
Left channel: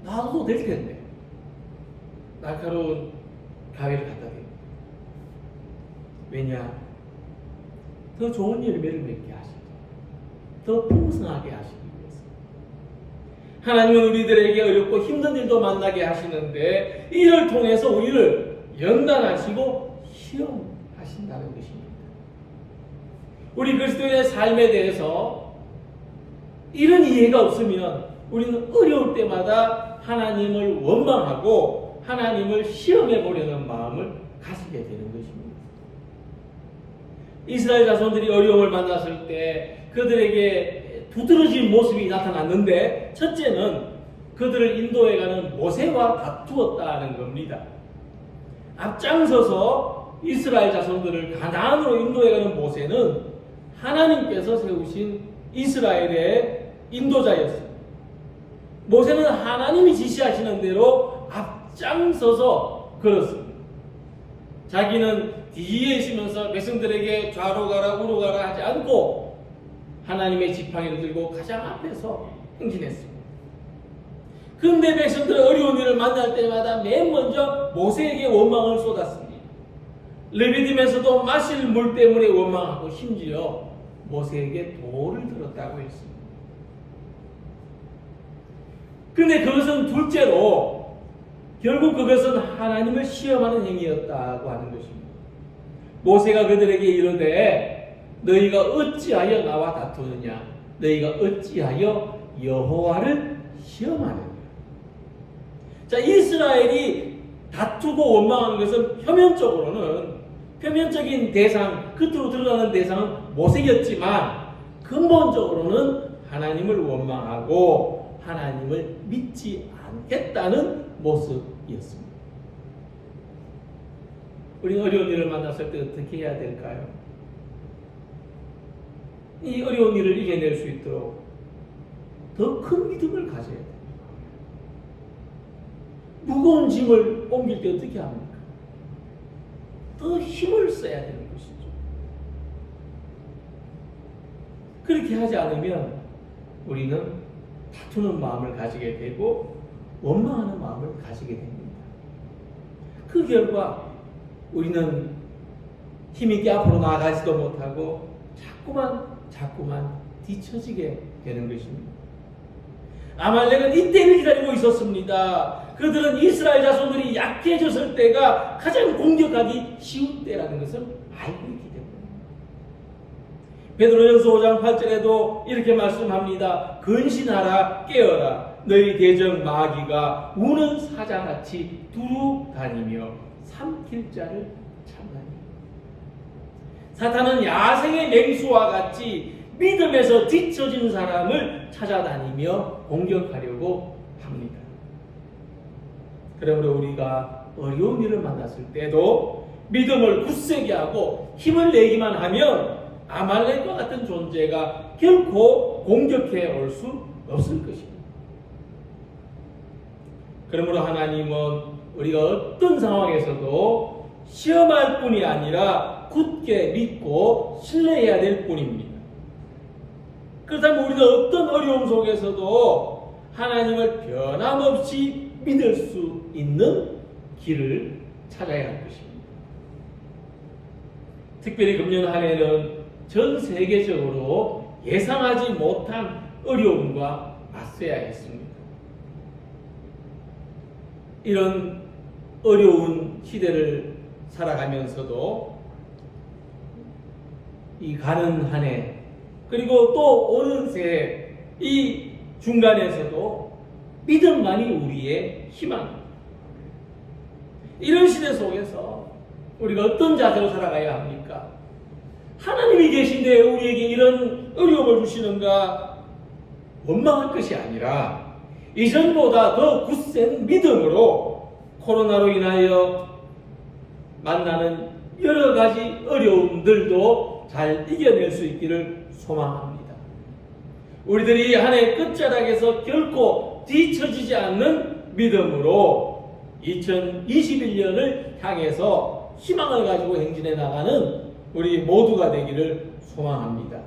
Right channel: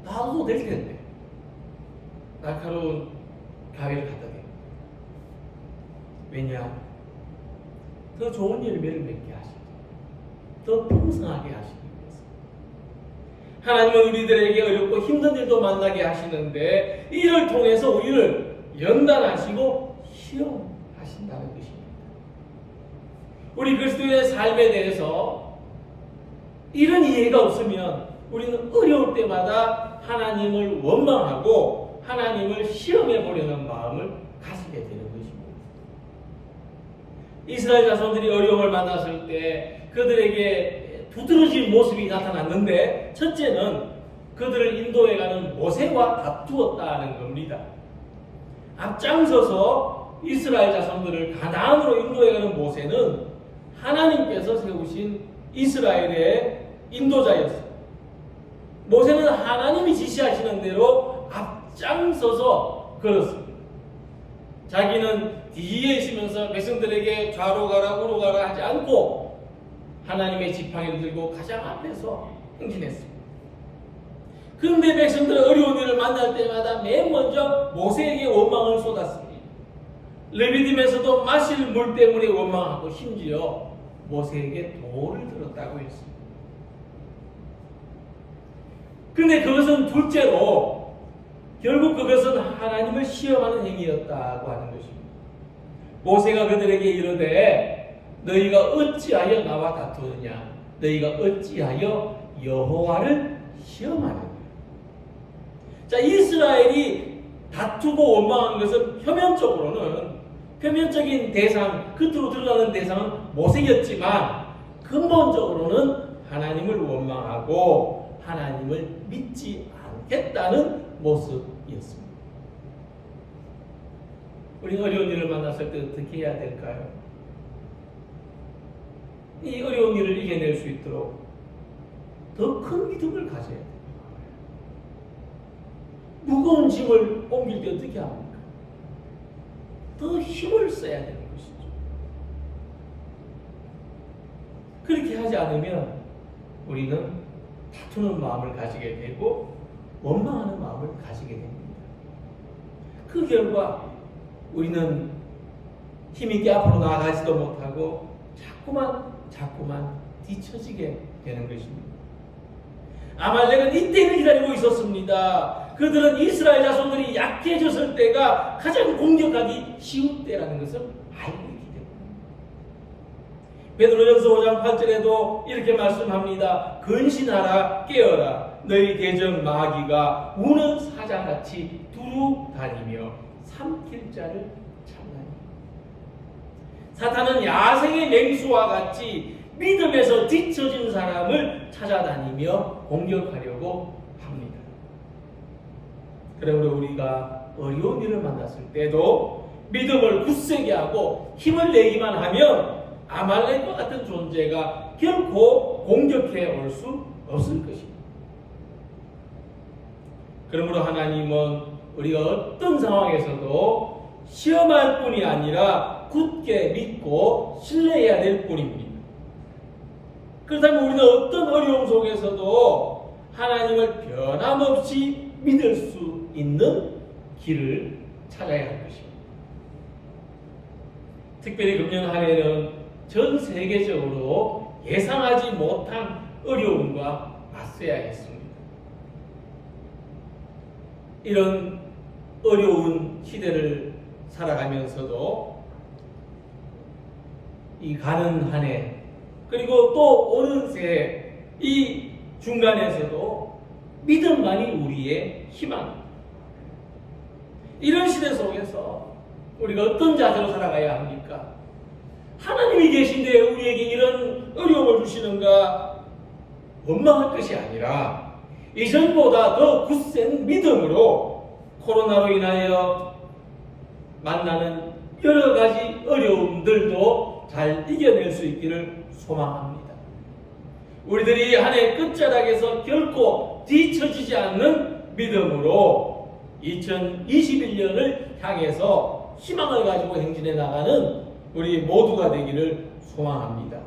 놔둬도 될 텐데 날카로운 가위를 갖다 대요. 왜냐? 더 좋은 열매를 맺게 하시고 더 풍성하게 하시기 위해서. 하나님은 우리들에게 어렵고 힘든 일도 만나게 하시는데 이를 통해서 우리를 연단하시고 시험하신다는 것입니다. 우리 그리스도의 삶에 대해서 이런 이해가 없으면 우리는 어려울 때마다 하나님을 원망하고 하나님을 시험해 보려는 마음을 가지게 되는 것입니다. 이스라엘 자손들이 어려움을 만났을 때 그들에게 두드러진 모습이 나타났는데 첫째는 그들을 인도해가는 모세와 다투었다는 겁니다. 앞장서서 이스라엘 자손들을 가나안으로 인도해가는 모세는 하나님께서 세우신 이스라엘의 인도자였습니다. 모세는 하나님이 지시하시는 대로 앞장서서 걸었습니다. 자기는 뒤에 있으면서 백성들에게 좌로 가라 우로 가라 하지 않고 하나님의 지팡이를 들고 가장 앞에서 행진했습니다. 근데 백성들은 어려운 일을 만날 때마다 맨 먼저 모세에게 원망을 쏟았습니다. 레위딤에서도 마실 물 때문에 원망하고 심지어 모세에게 돌을 들었다고 했습니다. 근데 그것은 둘째로 결국 그것은 하나님을 시험하는 행위였다고 하는 것입니다. 모세가 그들에게 이르되 너희가 어찌하여 나와 다투느냐, 너희가 어찌하여 여호와를 시험하느냐. 자, 이스라엘이 다투고 원망한 것은 표면적인 대상, 겉으로 드러나는 대상은 모세였지만 근본적으로는 하나님을 원망하고 하나님을 믿지 않겠다는 모습이었습니다. 우리는 어려운 일을 만났을 때 어떻게 해야 될까요? 이 어려운 일을 이겨낼 수 있도록 더 큰 믿음을 가져야 됩니다. 무거운 짐을 옮길 때 어떻게 합니까? 더 힘을 써야 되는 것이죠. 그렇게 하지 않으면 우리는 다투는 마음을 가지게 되고 원망하는 마음을 가지게 됩니다. 그 결과 우리는 힘있게 앞으로 나아가지도 못하고 자꾸만 뒤처지게 되는 것입니다. 아말렉은 이때를 기다리고 있었습니다. 그들은 이스라엘 자손들이 약해졌을 때가 가장 공격하기 쉬운 때라는 것을 알고 있기 때문입니다. 베드로전서 5장 8절에도 이렇게 말씀합니다. 근신하라, 깨어라. 너희 대적 마귀가 우는 사자같이 두루 다니며 삼킬 자를 찾나니. 사탄은 야생의 맹수와 같이 믿음에서 뒤처진 사람을 찾아다니며 공격하려고 합니다. 그러므로 우리가 어려운 일을 만났을 때도 믿음을 굳세게 하고 힘을 내기만 하면 아말렉과 같은 존재가 결코 공격해 올 수 없을 것입니다. 그러므로 하나님은 우리가 어떤 상황에서도 시험할 뿐이 아니라 굳게 믿고 신뢰해야 될 뿐입니다. 그렇다면 우리는 어떤 어려움 속에서도 하나님을 변함없이 믿을 수 있는 길을 찾아야 할 것입니다. 특별히 금년 한 해는 전 세계적으로 예상하지 못한 어려움과 맞서야 했습니다. 이런 어려운 시대를 살아가면서도 이 가는 한 해 그리고 또 오는 새해 이 중간에서도 믿음만이 우리의 희망입니다. 이런 시대 속에서 우리가 어떤 자세로 살아가야 합니까? 하나님이 계신데 우리에게 이런 어려움을 주시는가 원망할 것이 아니라 이전보다 더 굳센 믿음으로 코로나로 인하여 만나는 여러 가지 어려움들도 잘 이겨낼 수 있기를 소망합니다. 우리들이 한 해 끝자락에서 결코 뒤처지지 않는 믿음으로 2021년을 향해서 희망을 가지고 행진해 나가는 우리 모두가 되기를 소망합니다.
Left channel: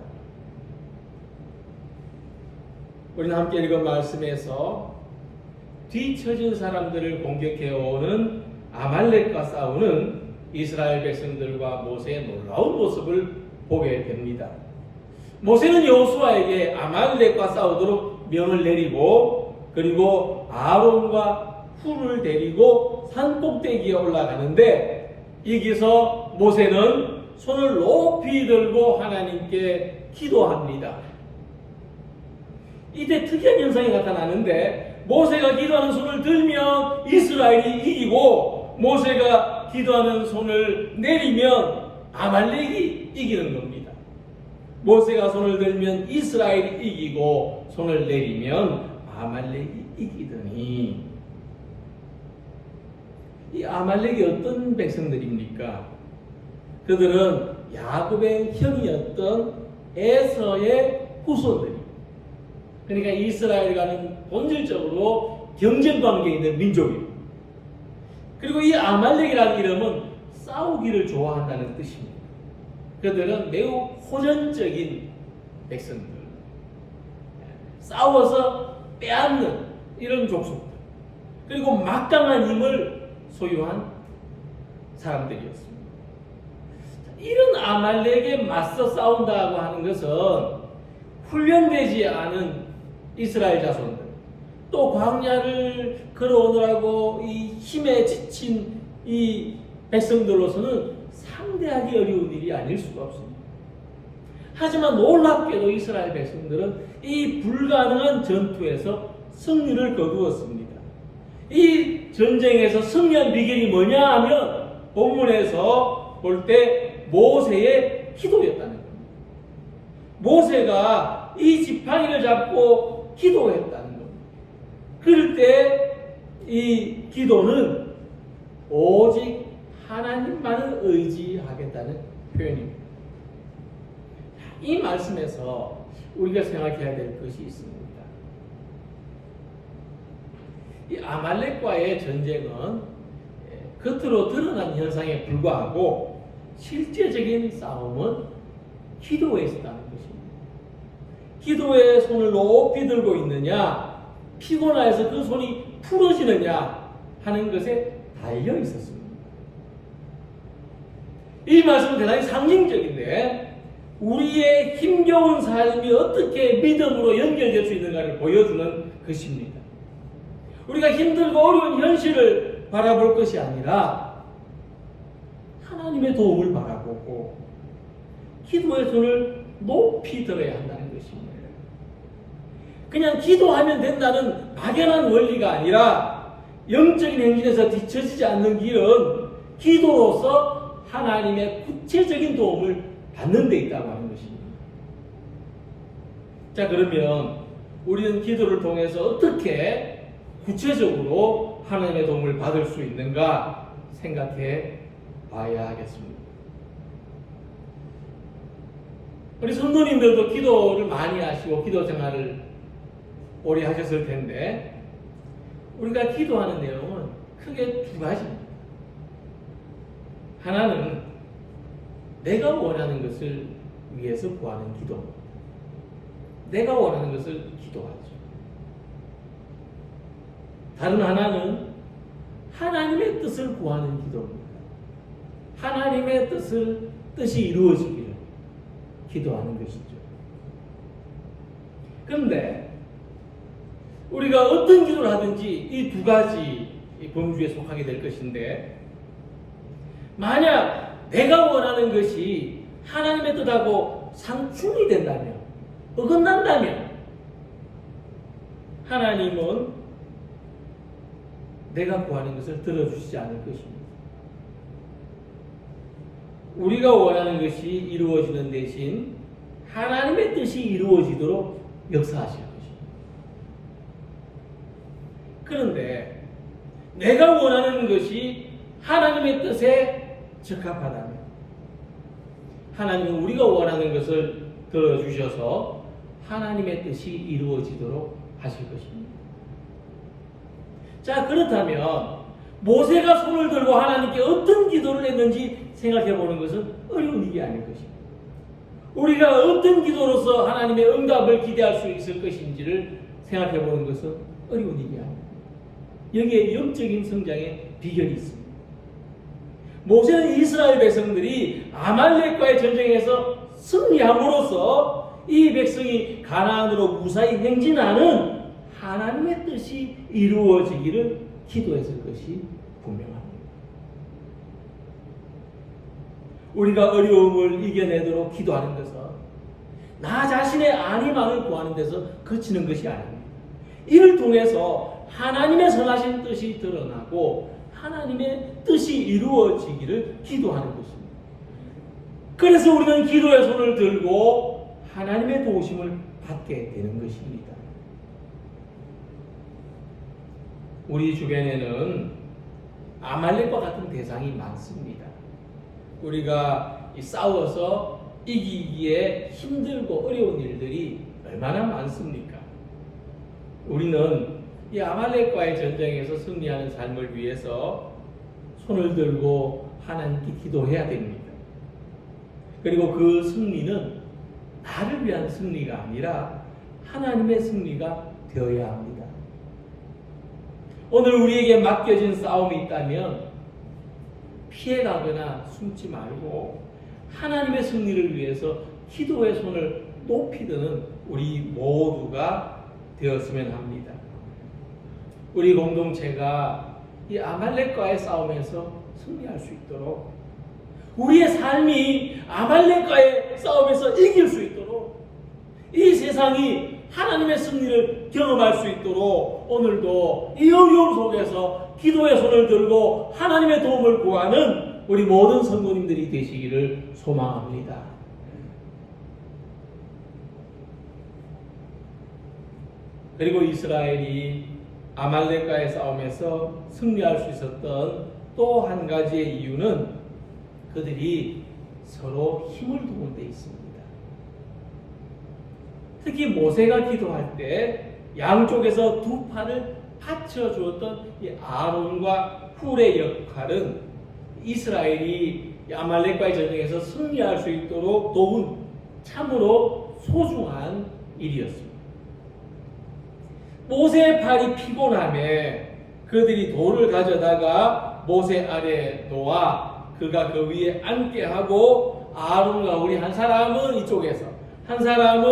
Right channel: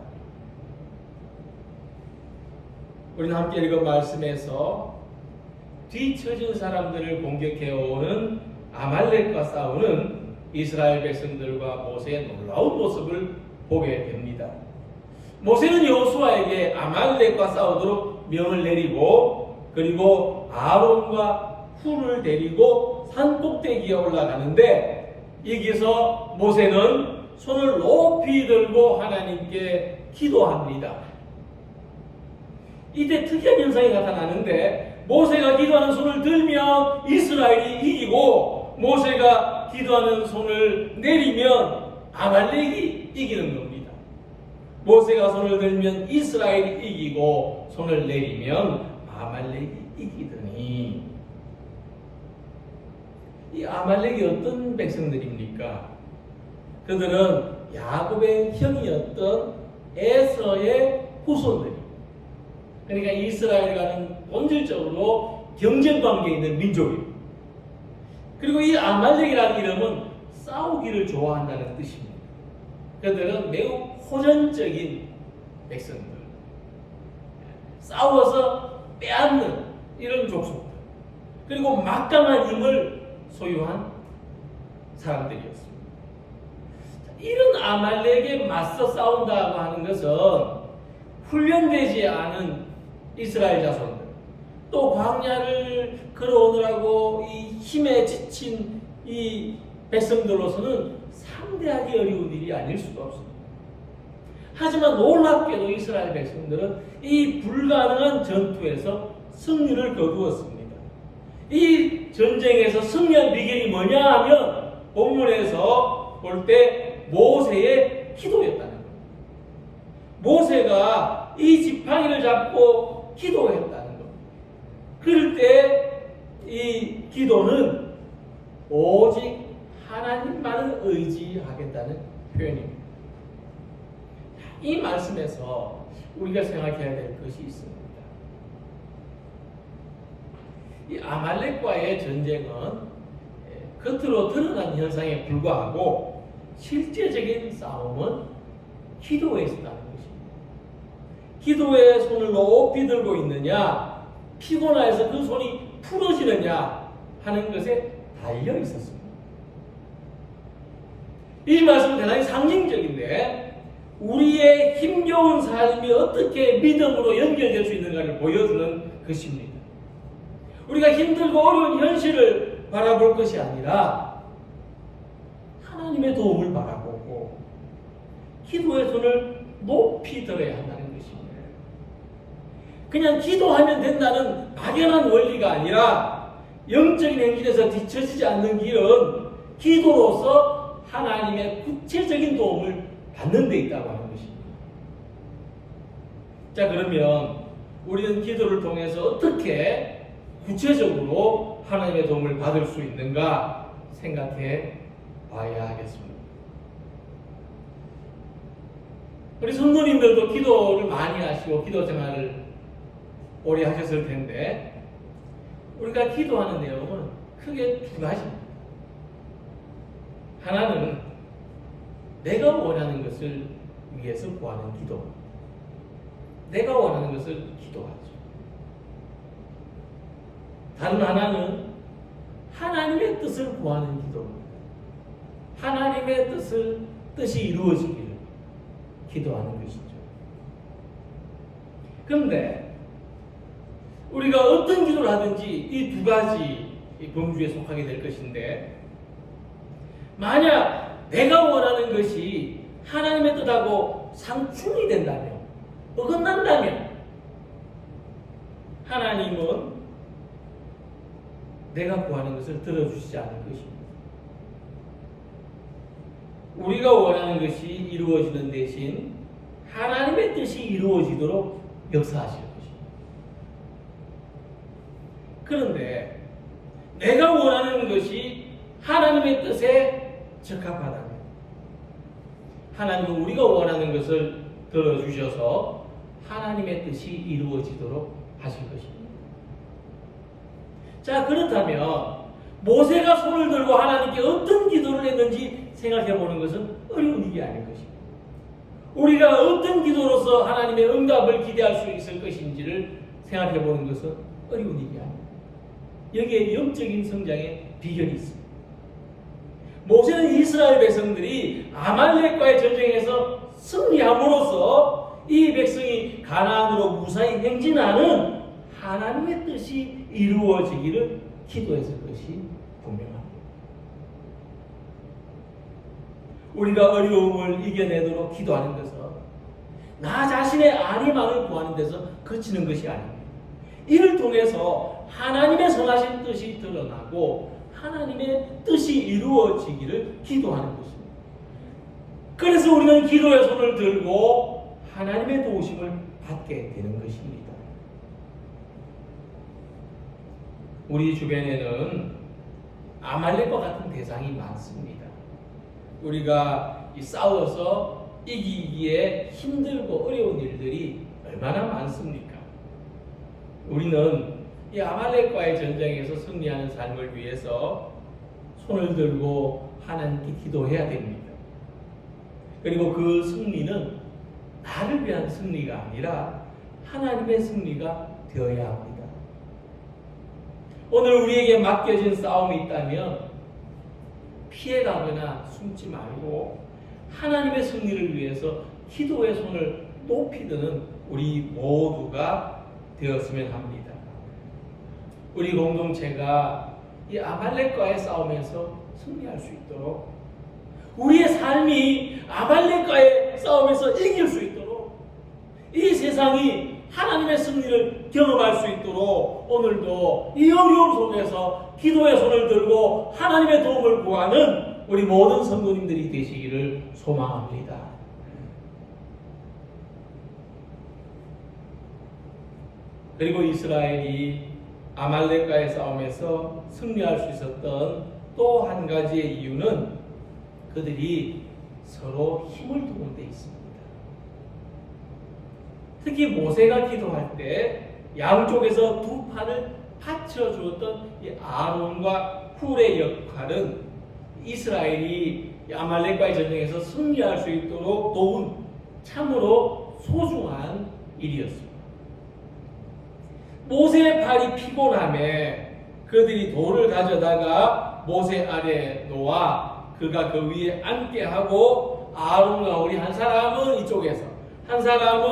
우리는 함께 읽은 말씀에서 뒤처진 사람들을 공격해오는 아말렉과 싸우는 이스라엘 백성들과 모세의 놀라운 모습을 보게 됩니다. 모세는 여호수아에게 아말렉과 싸우도록 명을 내리고 그리고 아론과 훌을 데리고 산 꼭대기에 올라가는데 여기서 모세는 손을 높이 들고 하나님께 기도합니다. 이때 특이한 현상이 나타나는데 모세가 기도하는 손을 들면 이스라엘이 이기고 모세가 기도하는 손을 내리면 아말렉이 이기는 겁니다. 모세가 손을 들면 이스라엘이 이기고 손을 내리면 아말렉이 이기더니 이 아말렉이 어떤 백성들입니까? 그들은 야곱의 형이었던 에서의 후손들입니다. 그러니까 이스라엘과는 본질적으로 경쟁 관계에 있는 민족입니다. 그리고 이 아말렉이라는 이름은 싸우기를 좋아한다는 뜻입니다. 그들은 매우 호전적인 백성들, 싸워서 빼앗는 이런 족속들, 그리고 막강한 힘을 소유한 사람들이었습니다. 이런 아말렉에 맞서 싸운다고 하는 것은 훈련되지 않은 이스라엘 자손들, 또 광야를 걸어오느라고 이 힘에 지친 이 백성들로서는 상대하기 어려운 일이 아닐 수가 없습니다. 하지만 놀랍게도 이스라엘 백성들은 이 불가능한 전투에서 승리를 거두었습니다. 이 전쟁에서 승리한 비결이 뭐냐 하면 본문에서 볼 때 모세의 기도였다는 겁니다. 모세가 이 지팡이를 잡고 기도했다는 겁니다. 그럴 때 이 기도는 오직 하나님만을 의지하겠다는 표현입니다. 이 말씀에서 우리가 생각해야 될 것이 있습니다. 이 아말렉과의 전쟁은 겉으로 드러난 현상에 불과하고 실제적인 싸움은 기도에 있었다는 것입니다. 기도에 손을 높이 들고 있느냐, 피곤해서 그 손이 풀어지느냐 하는 것에 달려 있었습니다. 이 말씀은 대단히 상징적인데 우리의 힘겨운 삶이 어떻게 믿음으로 연결될 수 있는가를 보여주는 것입니다. 우리가 힘들고 어려운 현실을 바라볼 것이 아니라 하나님의 도움을 바라보고 기도의 손을 높이 들어야 한다는 것입니다. 그냥 기도하면 된다는 막연한 원리가 아니라 영적인 행진에서 뒤처지지 않는 길은 기도로서 하나님의 구체적인 도움을 받는 데 있다고 하는 것입니다. 자, 그러면 우리는 기도를 통해서 어떻게 구체적으로 하나님의 도움을 받을 수 있는가 생각해 봐야 하겠습니다. 우리 성도님들도 기도를 많이 하시고 기도 생활을 오래 하셨을 텐데 우리가 기도하는 내용은 크게 두 가지입니다. 하나는 내가 원하는 것을 위해서 구하는 기도, 내가 원하는 것을 기도하죠. 다른 하나는 하나님의 뜻을 구하는 기도입니다. 하나님의 뜻이 이루어지기를 기도하는 것이죠. 그런데 우리가 어떤 기도를 하든지 이 두 가지 범주에 속하게 될 것인데 만약 내가 원하는 것이 하나님의 뜻하고 상충이 된다면, 어긋난다면 하나님은 내가 구하는 것을 들어주시지 않을 것입니다. 우리가 원하는 것이 이루어지는 대신 하나님의 뜻이 이루어지도록 역사하실 것입니다. 그런데 내가 원하는 것이 하나님의 뜻에 적합하다면 하나님은 우리가 원하는 것을 들어주셔서 하나님의 뜻이 이루어지도록 하실 것입니다. 자, 그렇다면 모세가 손을 들고 하나님께 어떤 기도를 했는지 생각해 보는 것은 어려운 일이 아닐 것입니다. 우리가 어떤 기도로서 하나님의 응답을 기대할 수 있을 것인지를 생각해 보는 것은 어려운 일이 아닙니다. 여기에 영적인 성장의 비결이 있습니다. 모세는 이스라엘 백성들이 아말렉과의 전쟁에서 승리함으로써 이 백성이 가나안으로 무사히 행진하는 하나님의 뜻이 이루어지기를 기도했을 것이 분명합니다. 우리가 어려움을 이겨내도록 기도하는 것은 나 자신의 안위만을 구하는 데서 그치는 것이 아닙니다. 이를 통해서 하나님의 선하신 뜻이 드러나고 하나님의 뜻이 이루어지기를 기도하는 것입니다. 그래서 우리는 기도의 손을 들고 하나님의 도우심을 받게 되는 것입니다. 우리 주변에는 아말렉과 같은 대상이 많습니다. 우리가 싸워서 이기기에 힘들고 어려운 일들이 얼마나 많습니까? 우리는 이 아말렉과의 전쟁에서 승리하는 삶을 위해서 손을 들고 하나님께 기도해야 됩니다. 그리고 그 승리는 나를 위한 승리가 아니라 하나님의 승리가 되어야 합니다. 오늘 우리에게 맡겨진 싸움이 있다면 피해가거나 숨지 말고 하나님의 승리를 위해서 기도의 손을 높이 드는 우리 모두가 되었으면 합니다. 우리 공동체가 이 아말렉과의 싸움에서 승리할 수 있도록, 우리의 삶이 아말렉과의 싸움에서 이길 수 있도록, 이 세상이 하나님의 승리를 경험할 수 있도록 오늘도 이 어려움 속에서 기도의 손을 들고 하나님의 도움을 구하는 우리 모든 성도님들이 되시기를 소망합니다. 그리고 이스라엘이 아말렉과의 싸움에서 승리할 수 있었던 또 한 가지의 이유는 그들이 서로 힘을 도운 데 있습니다. 특히 모세가 기도할 때 양쪽에서 두 팔을 받쳐 주었던 이 아론과 훌의 역할은 이스라엘이 아말렉과의 전쟁에서 승리할 수 있도록 도운 참으로 소중한 일이었습니다. 모세의 팔이 피곤함에 그들이 돌을 가져다가 모세 아래에 놓아 그가 그 위에 앉게 하고 아론과 우리 한 사람은 이쪽에서 한 사람은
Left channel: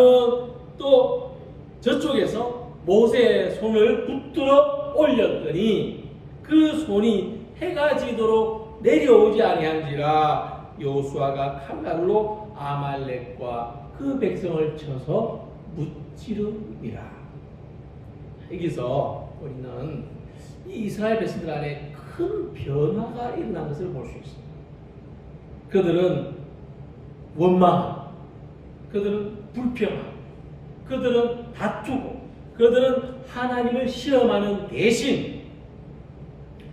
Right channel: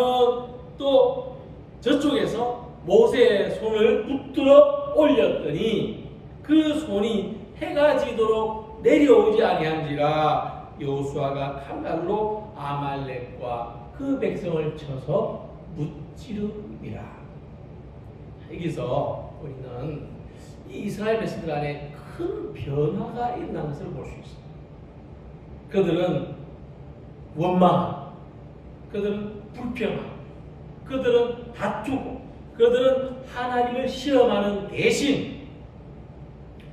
또 저쪽에서 모세의 손을 붙들어 올렸더니 그 손이 해가 지도록 내려오지 아니한지라 여호수아가 칼날로 아말렉과 그 백성을 쳐서 무찌르니라. 여기서 우리는 이 이스라엘 백성들 안에 큰 변화가 일어난 것을 볼 수 있습니다. 그들은 원망하고, 그들은 불평하고, 그들은 다투고, 그들은 하나님을 시험하는 대신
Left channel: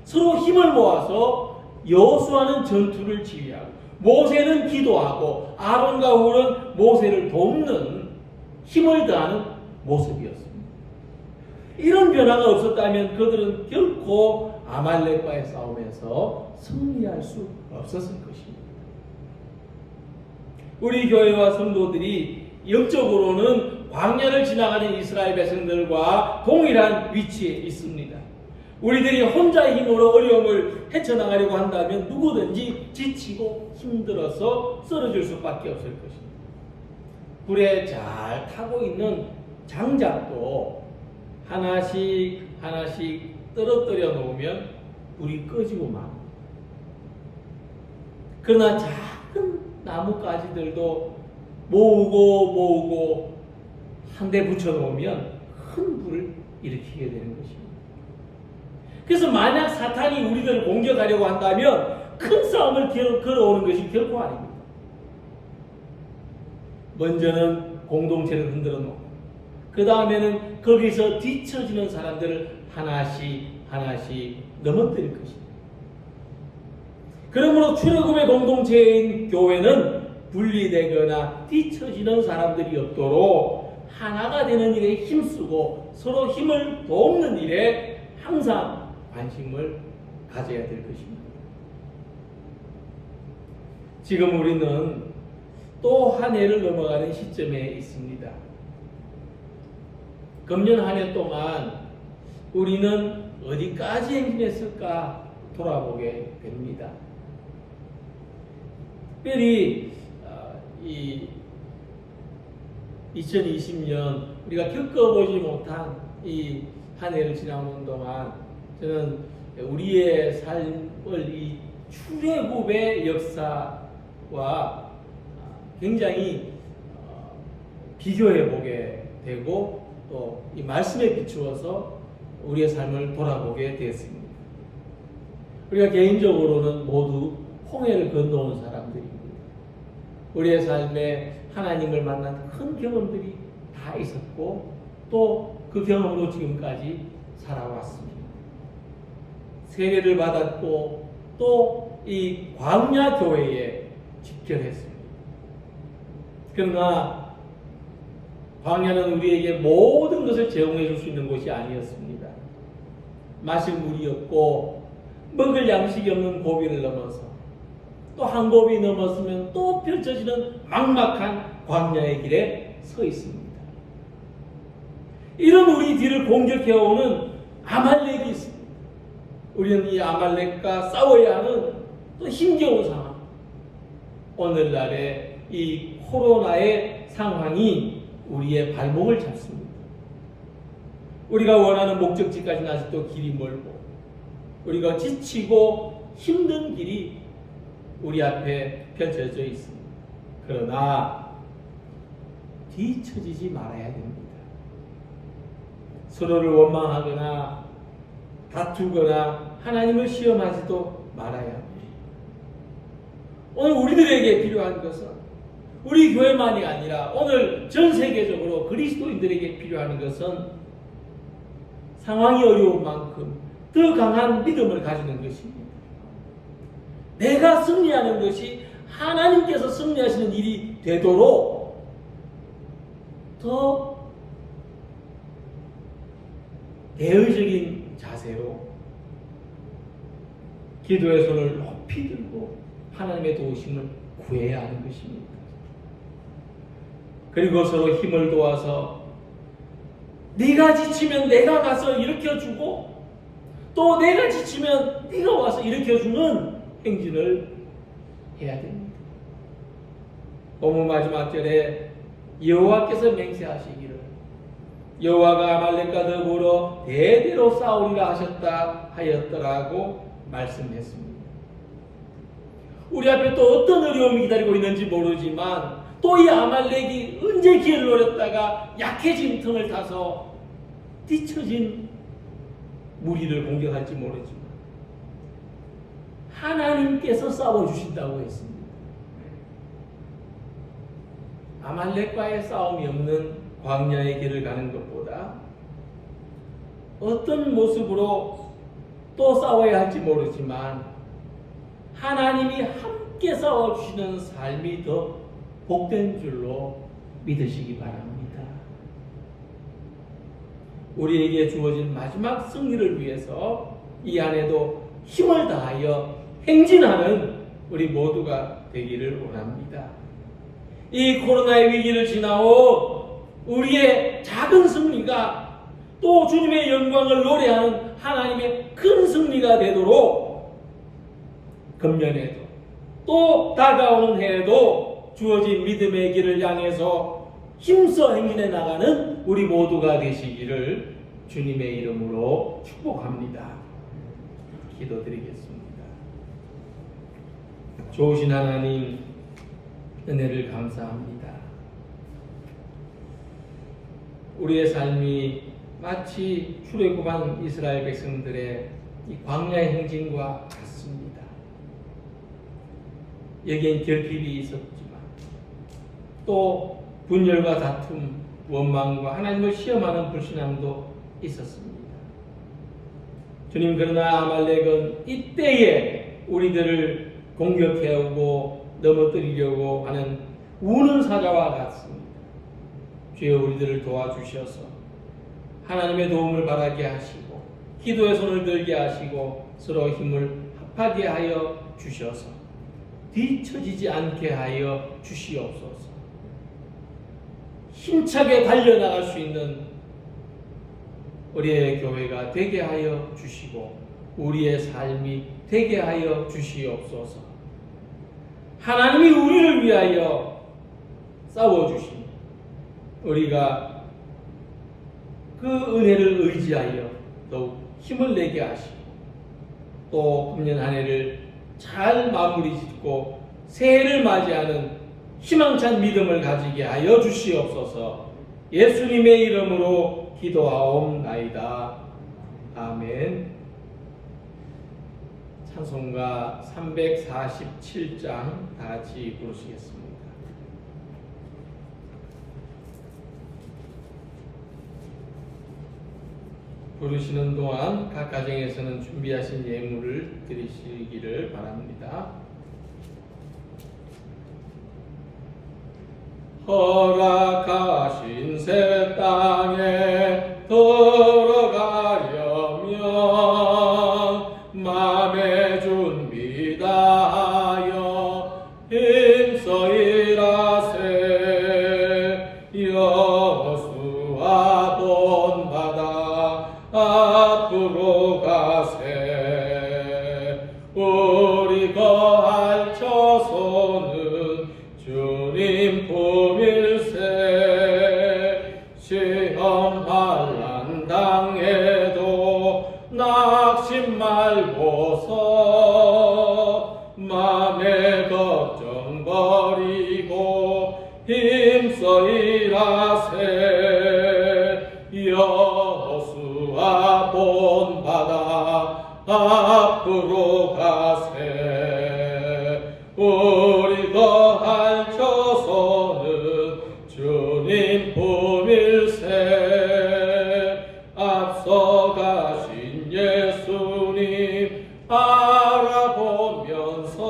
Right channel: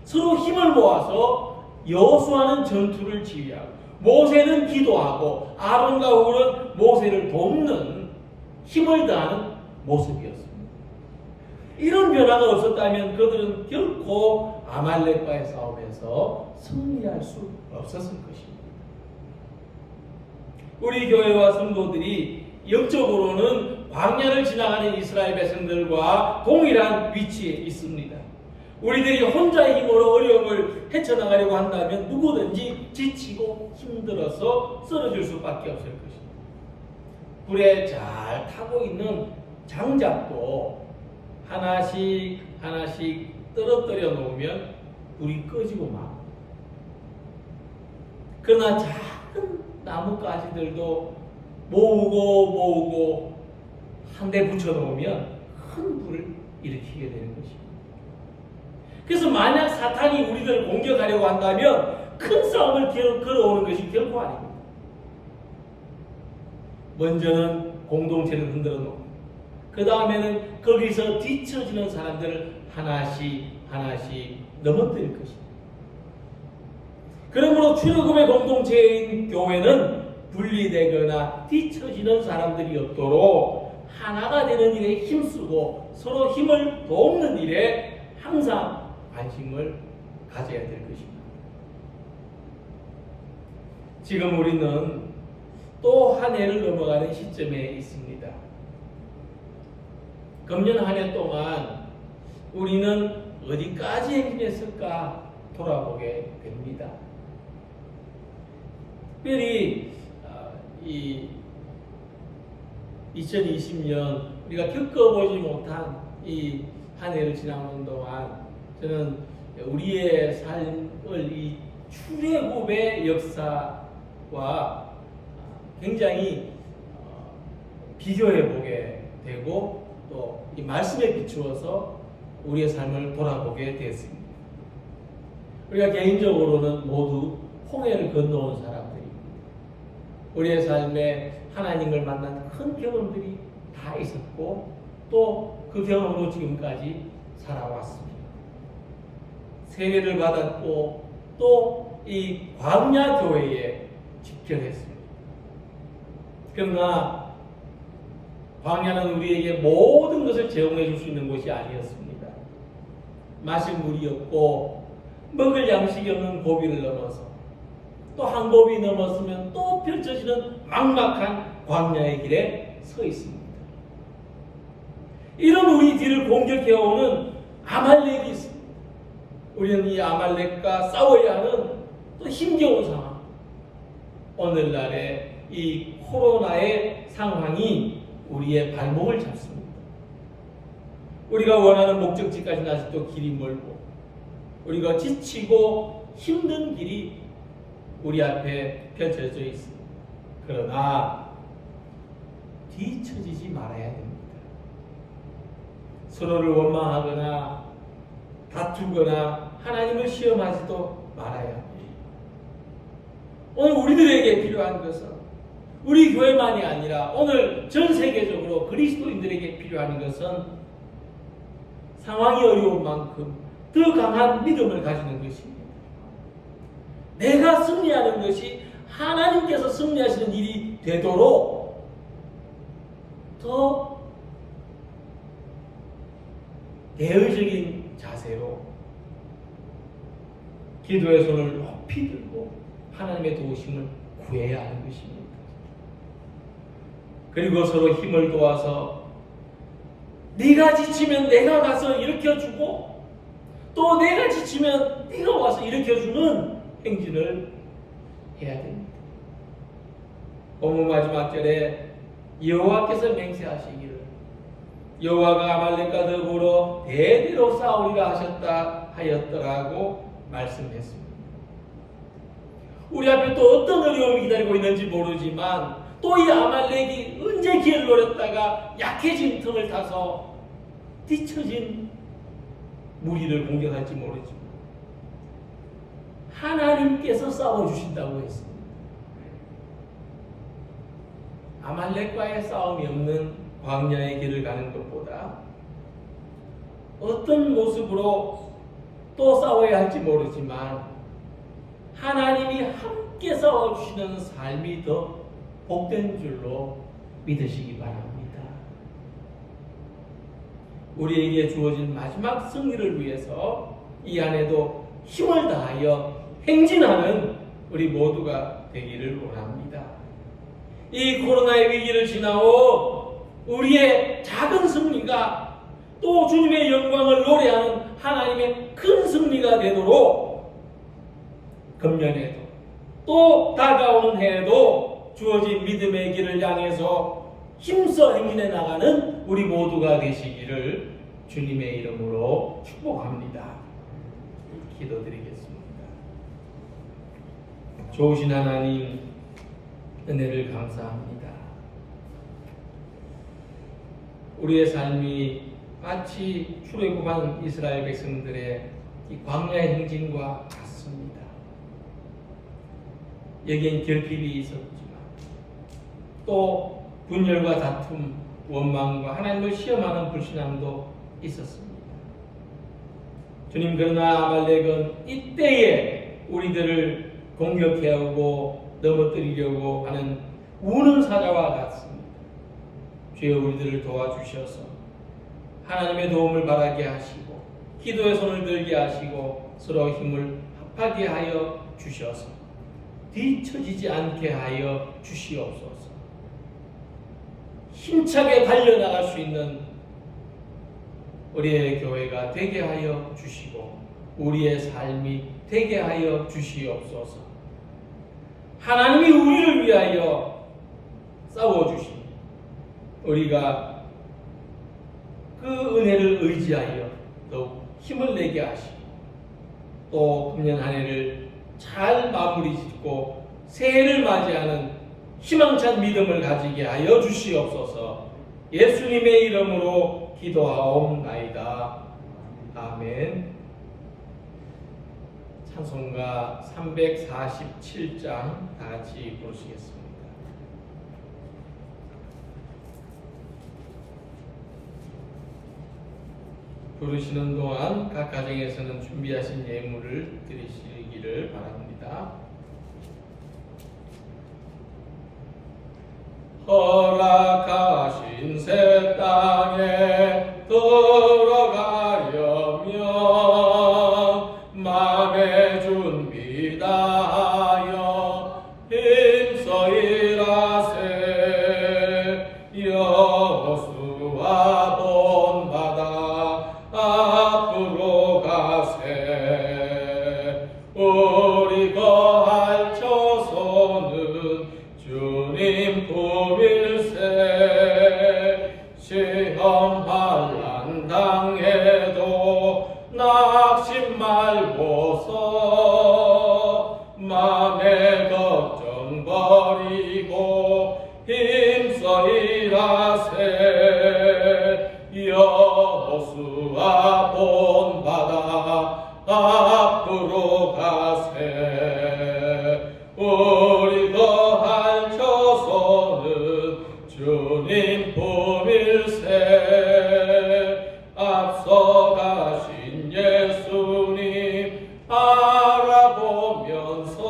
서로 힘을 모아서 여호수아는 전투를 지휘하고 모세는 기도하고 아론과 훌은 모세를 돕는 힘을 다하는 모습이었습니다. 이런 변화가 없었다면 그들은 결코 아말렉과의 싸움에서 승리할 수 없었을 것입니다. 우리 교회와 성도들이 영적으로는 광야를 지나가는 이스라엘 백성들과 동일한 위치에 있습니다. 우리들이 혼자의 힘으로 어려움을 헤쳐나가려고 한다면 누구든지 지치고 힘들어서 쓰러질 수밖에 없을 것입니다. 불에 잘 타고 있는 장작도 하나씩 떨어뜨려 놓으면 불이 꺼지고 막. 그러나 작은 나뭇가지들도 모으고 한 대 붙여 놓으면 큰 불을 일으키게 되는 것입니다. 그래서 만약 사탄이 우리들을 공격하려고 한다면 큰 싸움을 걸어오는 것이 결코 아닙니다. 먼저는 공동체를 흔들어 놓고 그 다음에는 거기서 뒤처지는 사람들을 하나씩 넘어뜨릴 것입니다. 그러므로 출애굽의 공동체인 교회는 분리되거나 뒤처지는 사람들이 없도록 하나가 되는 일에 힘쓰고 서로 힘을 돕는 일에 항상 관심을 가져야 될 것입니다. 지금 우리는 또 한 해를 넘어가는 시점에 있습니다. 금년 한 해 동안 우리는 어디까지 행진했을까 돌아보게 됩니다. 특별히 이 2020년 우리가 겪어보지 못한 이 한 해를 지나오는 동안 저는 우리의 삶을 이 출애굽의 역사와 굉장히 비교해 보게 되고 또 이 말씀에 비추어서 우리의 삶을 돌아보게 되었습니다. 우리가 개인적으로는 모두 홍해를 건너온 사람들입니다. 우리의 삶에 하나님을 만난 큰 경험들이 다 있었고 또 그 경험으로 지금까지 살아왔습니다. 세례를 받았고 또 이 광야 교회에 집결했습니다. 그러나 광야는 우리에게 모든 것을 제공해 줄 수 있는 곳이 아니었습니다. 마실 물이 없고 먹을 양식이 없는 고비를 넘어서 또 한 고비 넘었으면 또 펼쳐지는 막막한 광야의 길에 서 있습니다. 이런 우리 뒤를 공격해오는 아말렉이 있습니다. 우리는 이 아말렉과 싸워야 하는 또 힘겨운 상황. 오늘날의 이 코로나의 상황이 우리의 발목을 잡습니다. 우리가 원하는 목적지까지는 아직도 길이 멀고 우리가 지치고 힘든 길이 우리 앞에 펼쳐져 있습니다. 그러나 뒤처지지 말아야 됩니다. 서로를 원망하거나 다투거나 하나님을 시험하지도 말아야 합니다. 오늘 우리들에게 필요한 것은 우리 교회만이 아니라 오늘 전 세계적으로 그리스도인들에게 필요한 것은 상황이 어려운 만큼 더 강한 믿음을 가지는 것입니다. 내가 승리하는 것이 하나님께서 승리하시는 일이 되도록 더 대의적인 자세로 기도의 손을 높이 들고 하나님의 도우심을 구해야 하는 것입니다. 그리고 서로 힘을 도와서 네가 지치면 내가 가서 일으켜주고 또 내가 지치면 네가 와서 일으켜주는 행진을 해야 됩니다. 본문 마지막 절에 여호와께서 맹세하시기를 여호와가 아말렉과 더불어 대대로 싸우리라 하셨다 하였더라고 말씀했습니다. 우리 앞에 또 어떤 어려움이 기다리고 있는지 모르지만 또 이 아말렉이 언제 기회를 노렸다가 약해진 틈을 타서 뒤처진 무리를 공격할지 모르지만 하나님께서 싸워주신다고 했습니다. 아말렉과의 싸움이 없는 광야의 길을 가는 것보다 어떤 모습으로 또 싸워야 할지 모르지만 하나님이 함께 싸워주시는 삶이 더 복된 줄로 믿으시기 바랍니다. 우리에게 주어진 마지막 승리를 위해서 이 안에도 힘을 다하여 행진하는 우리 모두가 되기를 원합니다. 이 코로나의 위기를 지나고 우리의 작은 승리가 또 주님의 영광을 노래하는 하나님의 큰 승리가 되도록 금년에도 또 다가오는 해에도 주어진 믿음의 길을 향해서 힘써 행진해 나가는 우리 모두가 되시기를 주님의 이름으로 축복합니다. 기도드리겠습니다. 좋으신 하나님, 은혜를 감사합니다. 우리의 삶이 마치 출애굽한 이스라엘 백성들의 이 광야의 행진과 같습니다. 여기엔 결핍이 있었지만 또 분열과 다툼, 원망과 하나님을 시험하는 불신함도 있었습니다. 주님, 그러나 아말렉은 이때에 우리들을 공격해오고 넘어뜨리려고 하는 우는 사자와 같습니다. 주여, 우리들을 도와주셔서 하나님의 도움을 바라게 하시고 기도의 손을 들게 하시고 서로 힘을 합하게 하여 주셔서 뒤처지지 않게 하여 주시옵소서. 힘차게 달려나갈 수 있는 우리의 교회가 되게 하여 주시고 우리의 삶이 되게 하여 주시옵소서. 하나님이 우리를 위하여 싸워주신 우리가 그 은혜를 의지하여 더욱 힘을 내게 하시고 또 금년 한 해를 잘 마무리 짓고 새해를 맞이하는 희망찬 믿음을 가지게 하여 주시옵소서. 예수님의 이름으로 기도하옵나이다. 아멘. 찬송가 347장 다 같이 부르시겠습니다. 부르시는 동안 각 가정에서는 준비하신 예물을 드리시기를 바랍니다. 허락하신 새 땅에 들어가려면 맘의 준비 다하여 힘써 일하세. 여호수아 본받아 앞으로 가세. 주님 품일세. 시험 환난 당해도 낙심 말고서 맘의 걱정 버리고 힘써 일하세. 여호수아 본받아 앞으로 가세. 우리 거할 처소는 주님 품일세. 앞서 가신 예수님 알아보면서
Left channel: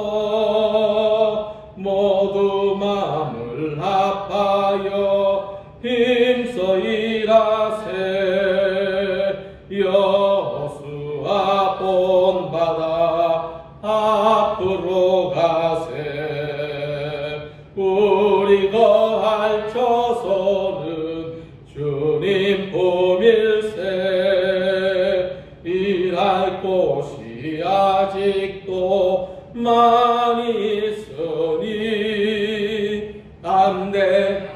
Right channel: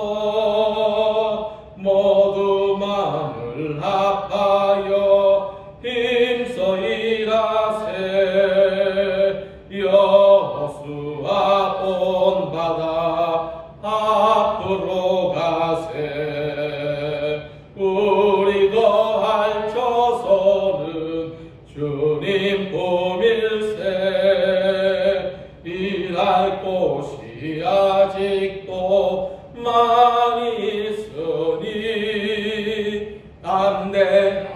모두 마음을 합하여 힘써 일하세. 여호수아 본받아 앞으로 가세. 우리 거할 처소는 주님 품일세. 일할 곳이 아직도 많이 있으니 안내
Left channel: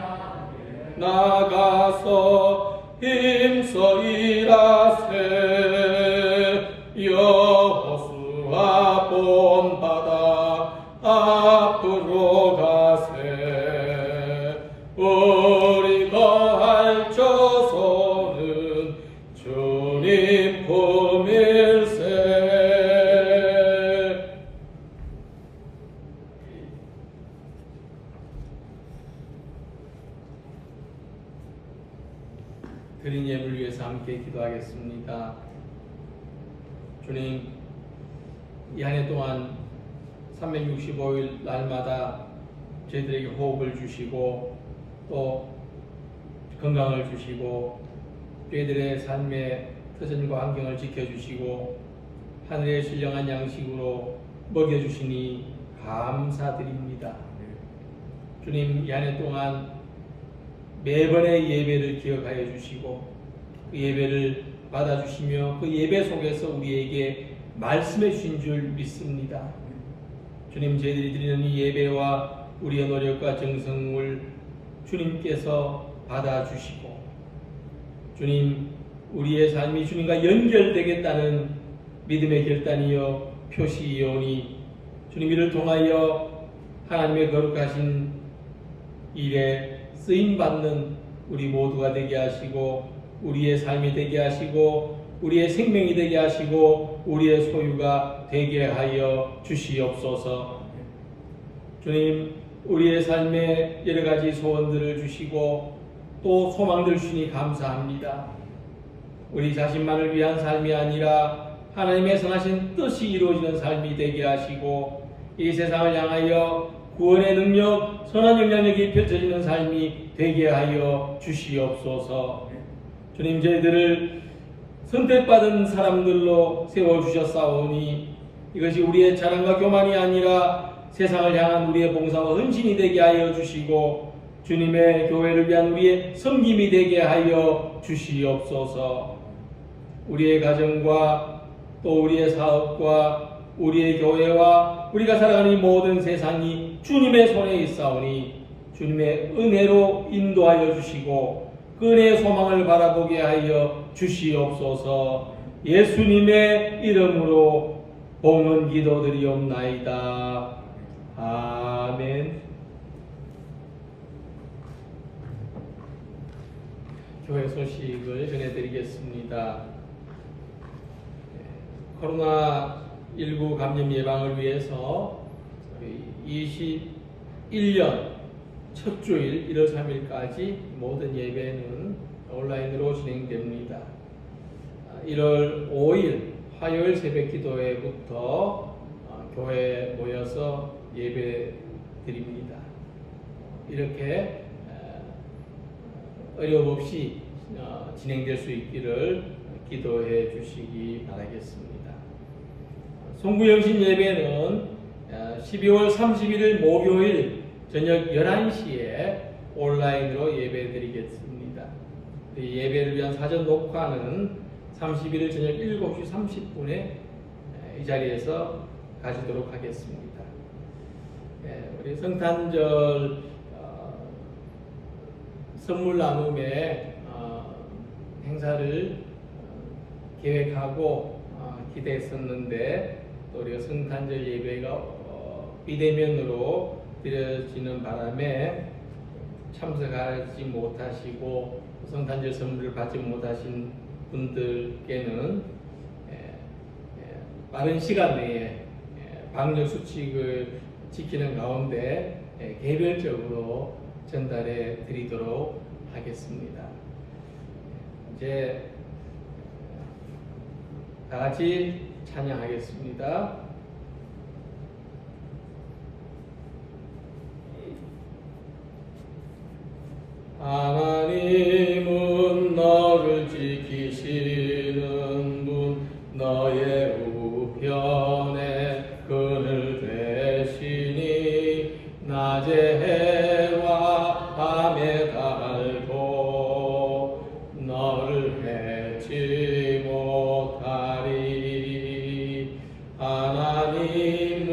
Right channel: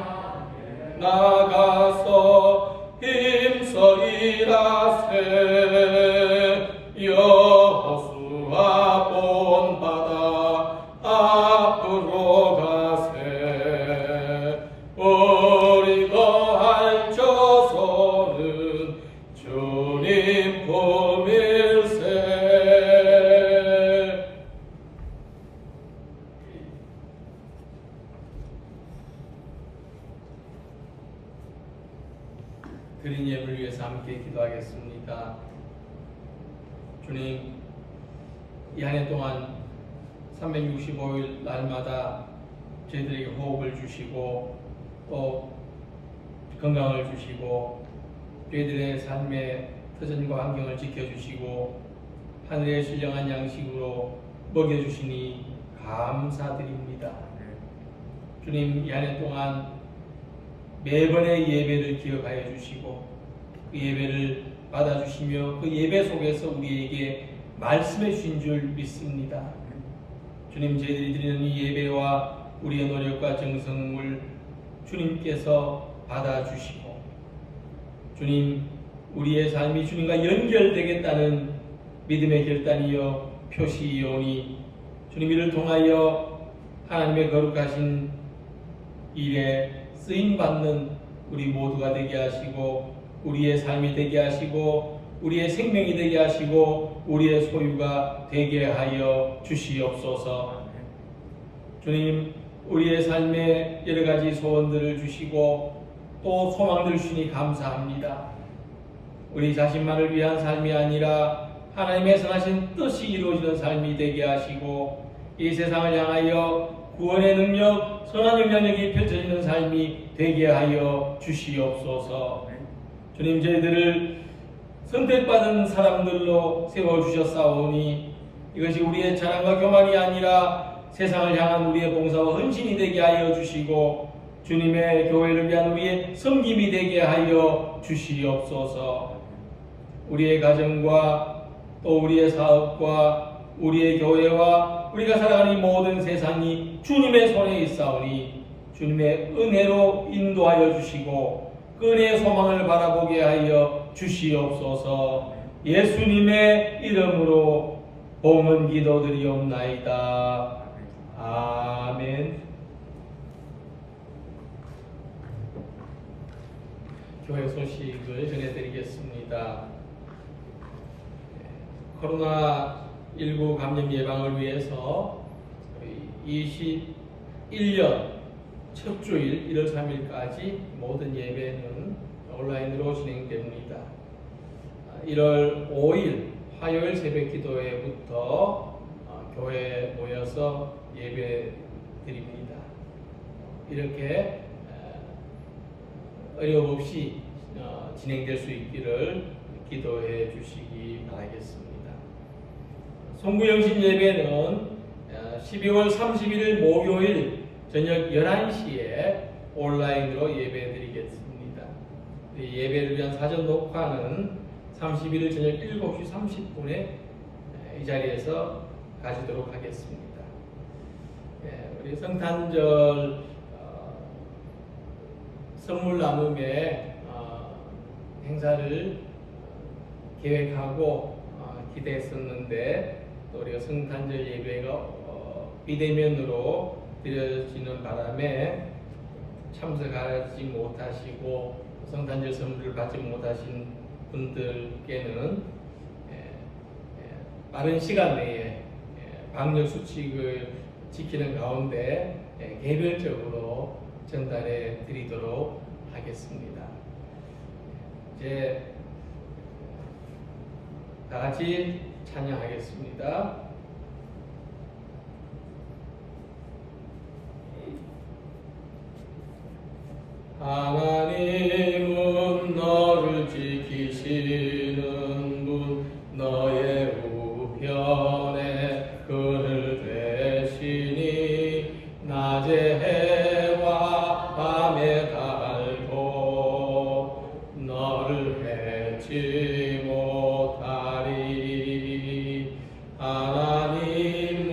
나가서 힘써 일하세. 여호수아 본받아 앞으로 가세. 우리 거할 처소는 주님 품일세. 드린 예물을 위해서 함께 기도하겠습니다. 주님, 이 한 해 동안 365일 날마다 저희들에게 호흡을 주시고 또 건강을 주시고 저희들의 삶의 터전과 환경을 지켜주시고 하늘의 신령한 양식으로 먹여주시니 감사드립니다. 주님, 이 한 해 동안 매번의 예배를 기억하여 주시고 그 예배를 받아주시며 그 예배 속에서 우리에게 말씀해 주신 줄 믿습니다. 주님, 저희들이 드리는 이 예배와 우리의 노력과 정성을 주님께서 받아주시고 주님, 우리의 삶이 주님과 연결되겠다는 믿음의 결단이여 표시이오니 주님, 이를 통하여 하나님의 거룩하신 일에 쓰임받는 우리 모두가 되게 하시고 우리의 삶이 되게 하시고 우리의 생명이 되게 하시고 우리의 소유가 되게 하여 주시옵소서. 주님, 우리의 삶에 여러 가지 소원들을 주시고 또 소망들 주시니 감사합니다. 우리 자신만을 위한 삶이 아니라 하나님의 선하신 뜻이 이루어지는 삶이 되게 하시고 이 세상을 향하여 구원의 능력, 선한 영향력이 펼쳐지는 삶이 되게 하여 주시옵소서. 주님, 저희들을 선택받은 사람들로 세워주셨사오니 이것이 우리의 자랑과 교만이 아니라 세상을 향한 우리의 봉사와 헌신이 되게 하여 주시고 주님의 교회를 위한 우리의 섬김이 되게 하여 주시옵소서. 우리의 가정과 또 우리의 사업과 우리의 교회와 우리가 살아가는 이 모든 세상이 주님의 손에 있사오니 주님의 은혜로 인도하여 주시고 그 은혜의 소망을 바라보게 하여 주시옵소서. 예수님의 이름으로 봉헌 기도드리옵나이다. 아멘. 교회 소식을 전해드리겠습니다. 코로나19 감염 예방을 위해서 21년 첫 주일 1월 3일까지 모든 예배는 온라인으로 진행됩니다. 1월 5일 화요일 새벽 기도회부터 교회에 모여서 예배 드립니다. 이렇게 어려움 없이 진행될 수 있기를 기도해 주시기 바라겠습니다. 송구영신 예배는 12월 31일 목요일 저녁 11시에 온라인으로 예배 드리겠습니다. 예배를 위한 사전 녹화는 31일 저녁 7시 30분에 이 자리에서 가지도록 하겠습니다. 우리 성탄절 선물 나눔의 행사를 계획하고 기대했었는데 또 우리가 성탄절 예배가 비대면으로 드려지는 바람에 참석하지 못하시고 성탄절 선물을 받지 못하신 분들께는 빠른 시간 내에 방역 수칙을 지키는 가운데 개별적으로 전달해 드리도록 하겠습니다. 이제 다 같이 찬양하겠습니다. 하나님은 너를 지키시는 분, 너의 우편에 그늘 되시니 낮에 해와 밤에 달도 너를 해치 못하리. 하나님은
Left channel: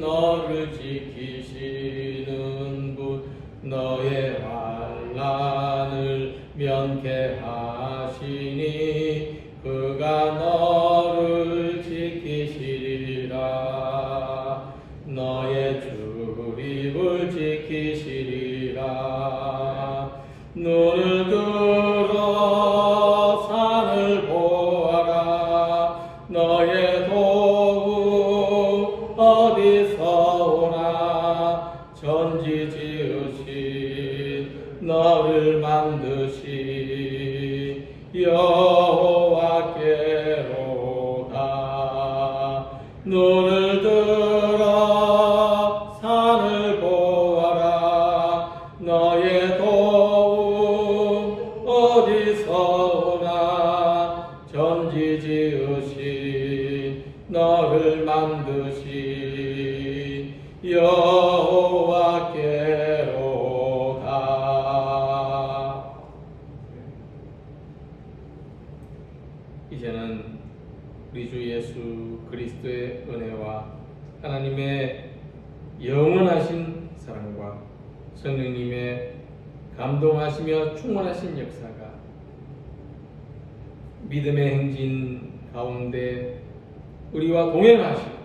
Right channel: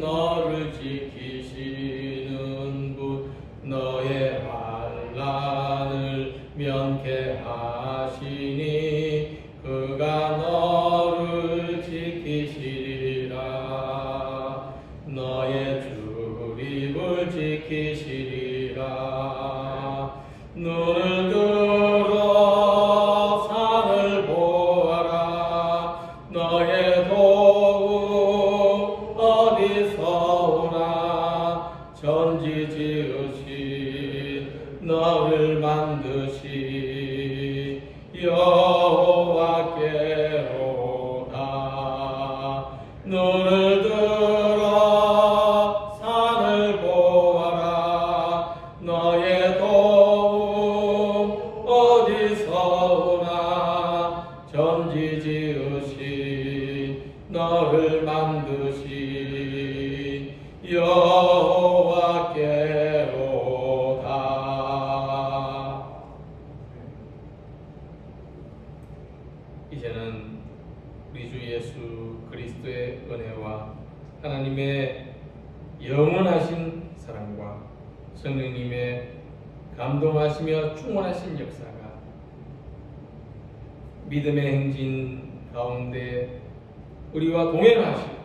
너를 지키시는 분, 너의 환난을 면케하시니 그가 너를 지키시리라. 너의 출입을 지키시리라. 눈을 들어 산을 보아라. 너의 도움 어디서 오나. 전지 지으신 너를 만드신 여호와께로다. 눈을 들어 산을 보아라. 너의 도움 어디서 오나. 전지 지으신 너를 만드신 여호와께로다. 이제는 우리 주 예수 그리스도의 은혜와 하나님의 영원하신 사랑과 성령님의 감동하시며 충만하신 역사가 믿음의 행진 가운데 우리와 동행하시고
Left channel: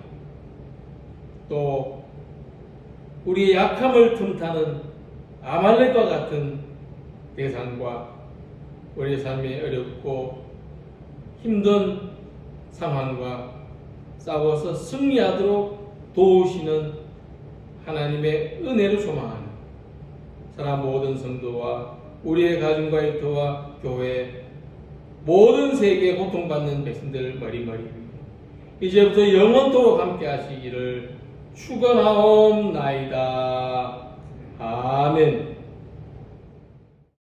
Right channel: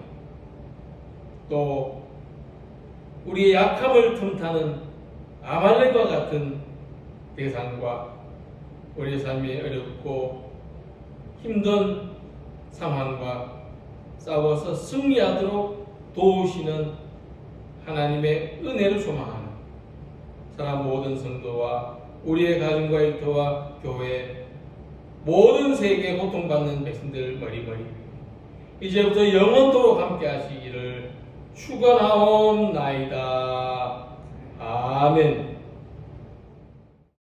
또 우리의 약함을 틈타는 아말렉과 같은 대상과 우리의 삶이 어렵고 힘든 상황과 싸워서 승리하도록 도우시는 하나님의 은혜를 소망하는 사람 모든 성도와 우리의 가정과 일터와 교회 모든 세계에 고통받는 백성들 머리머리 이제부터 영원토록 함께 하시기를 축원하옵나이다. 아멘.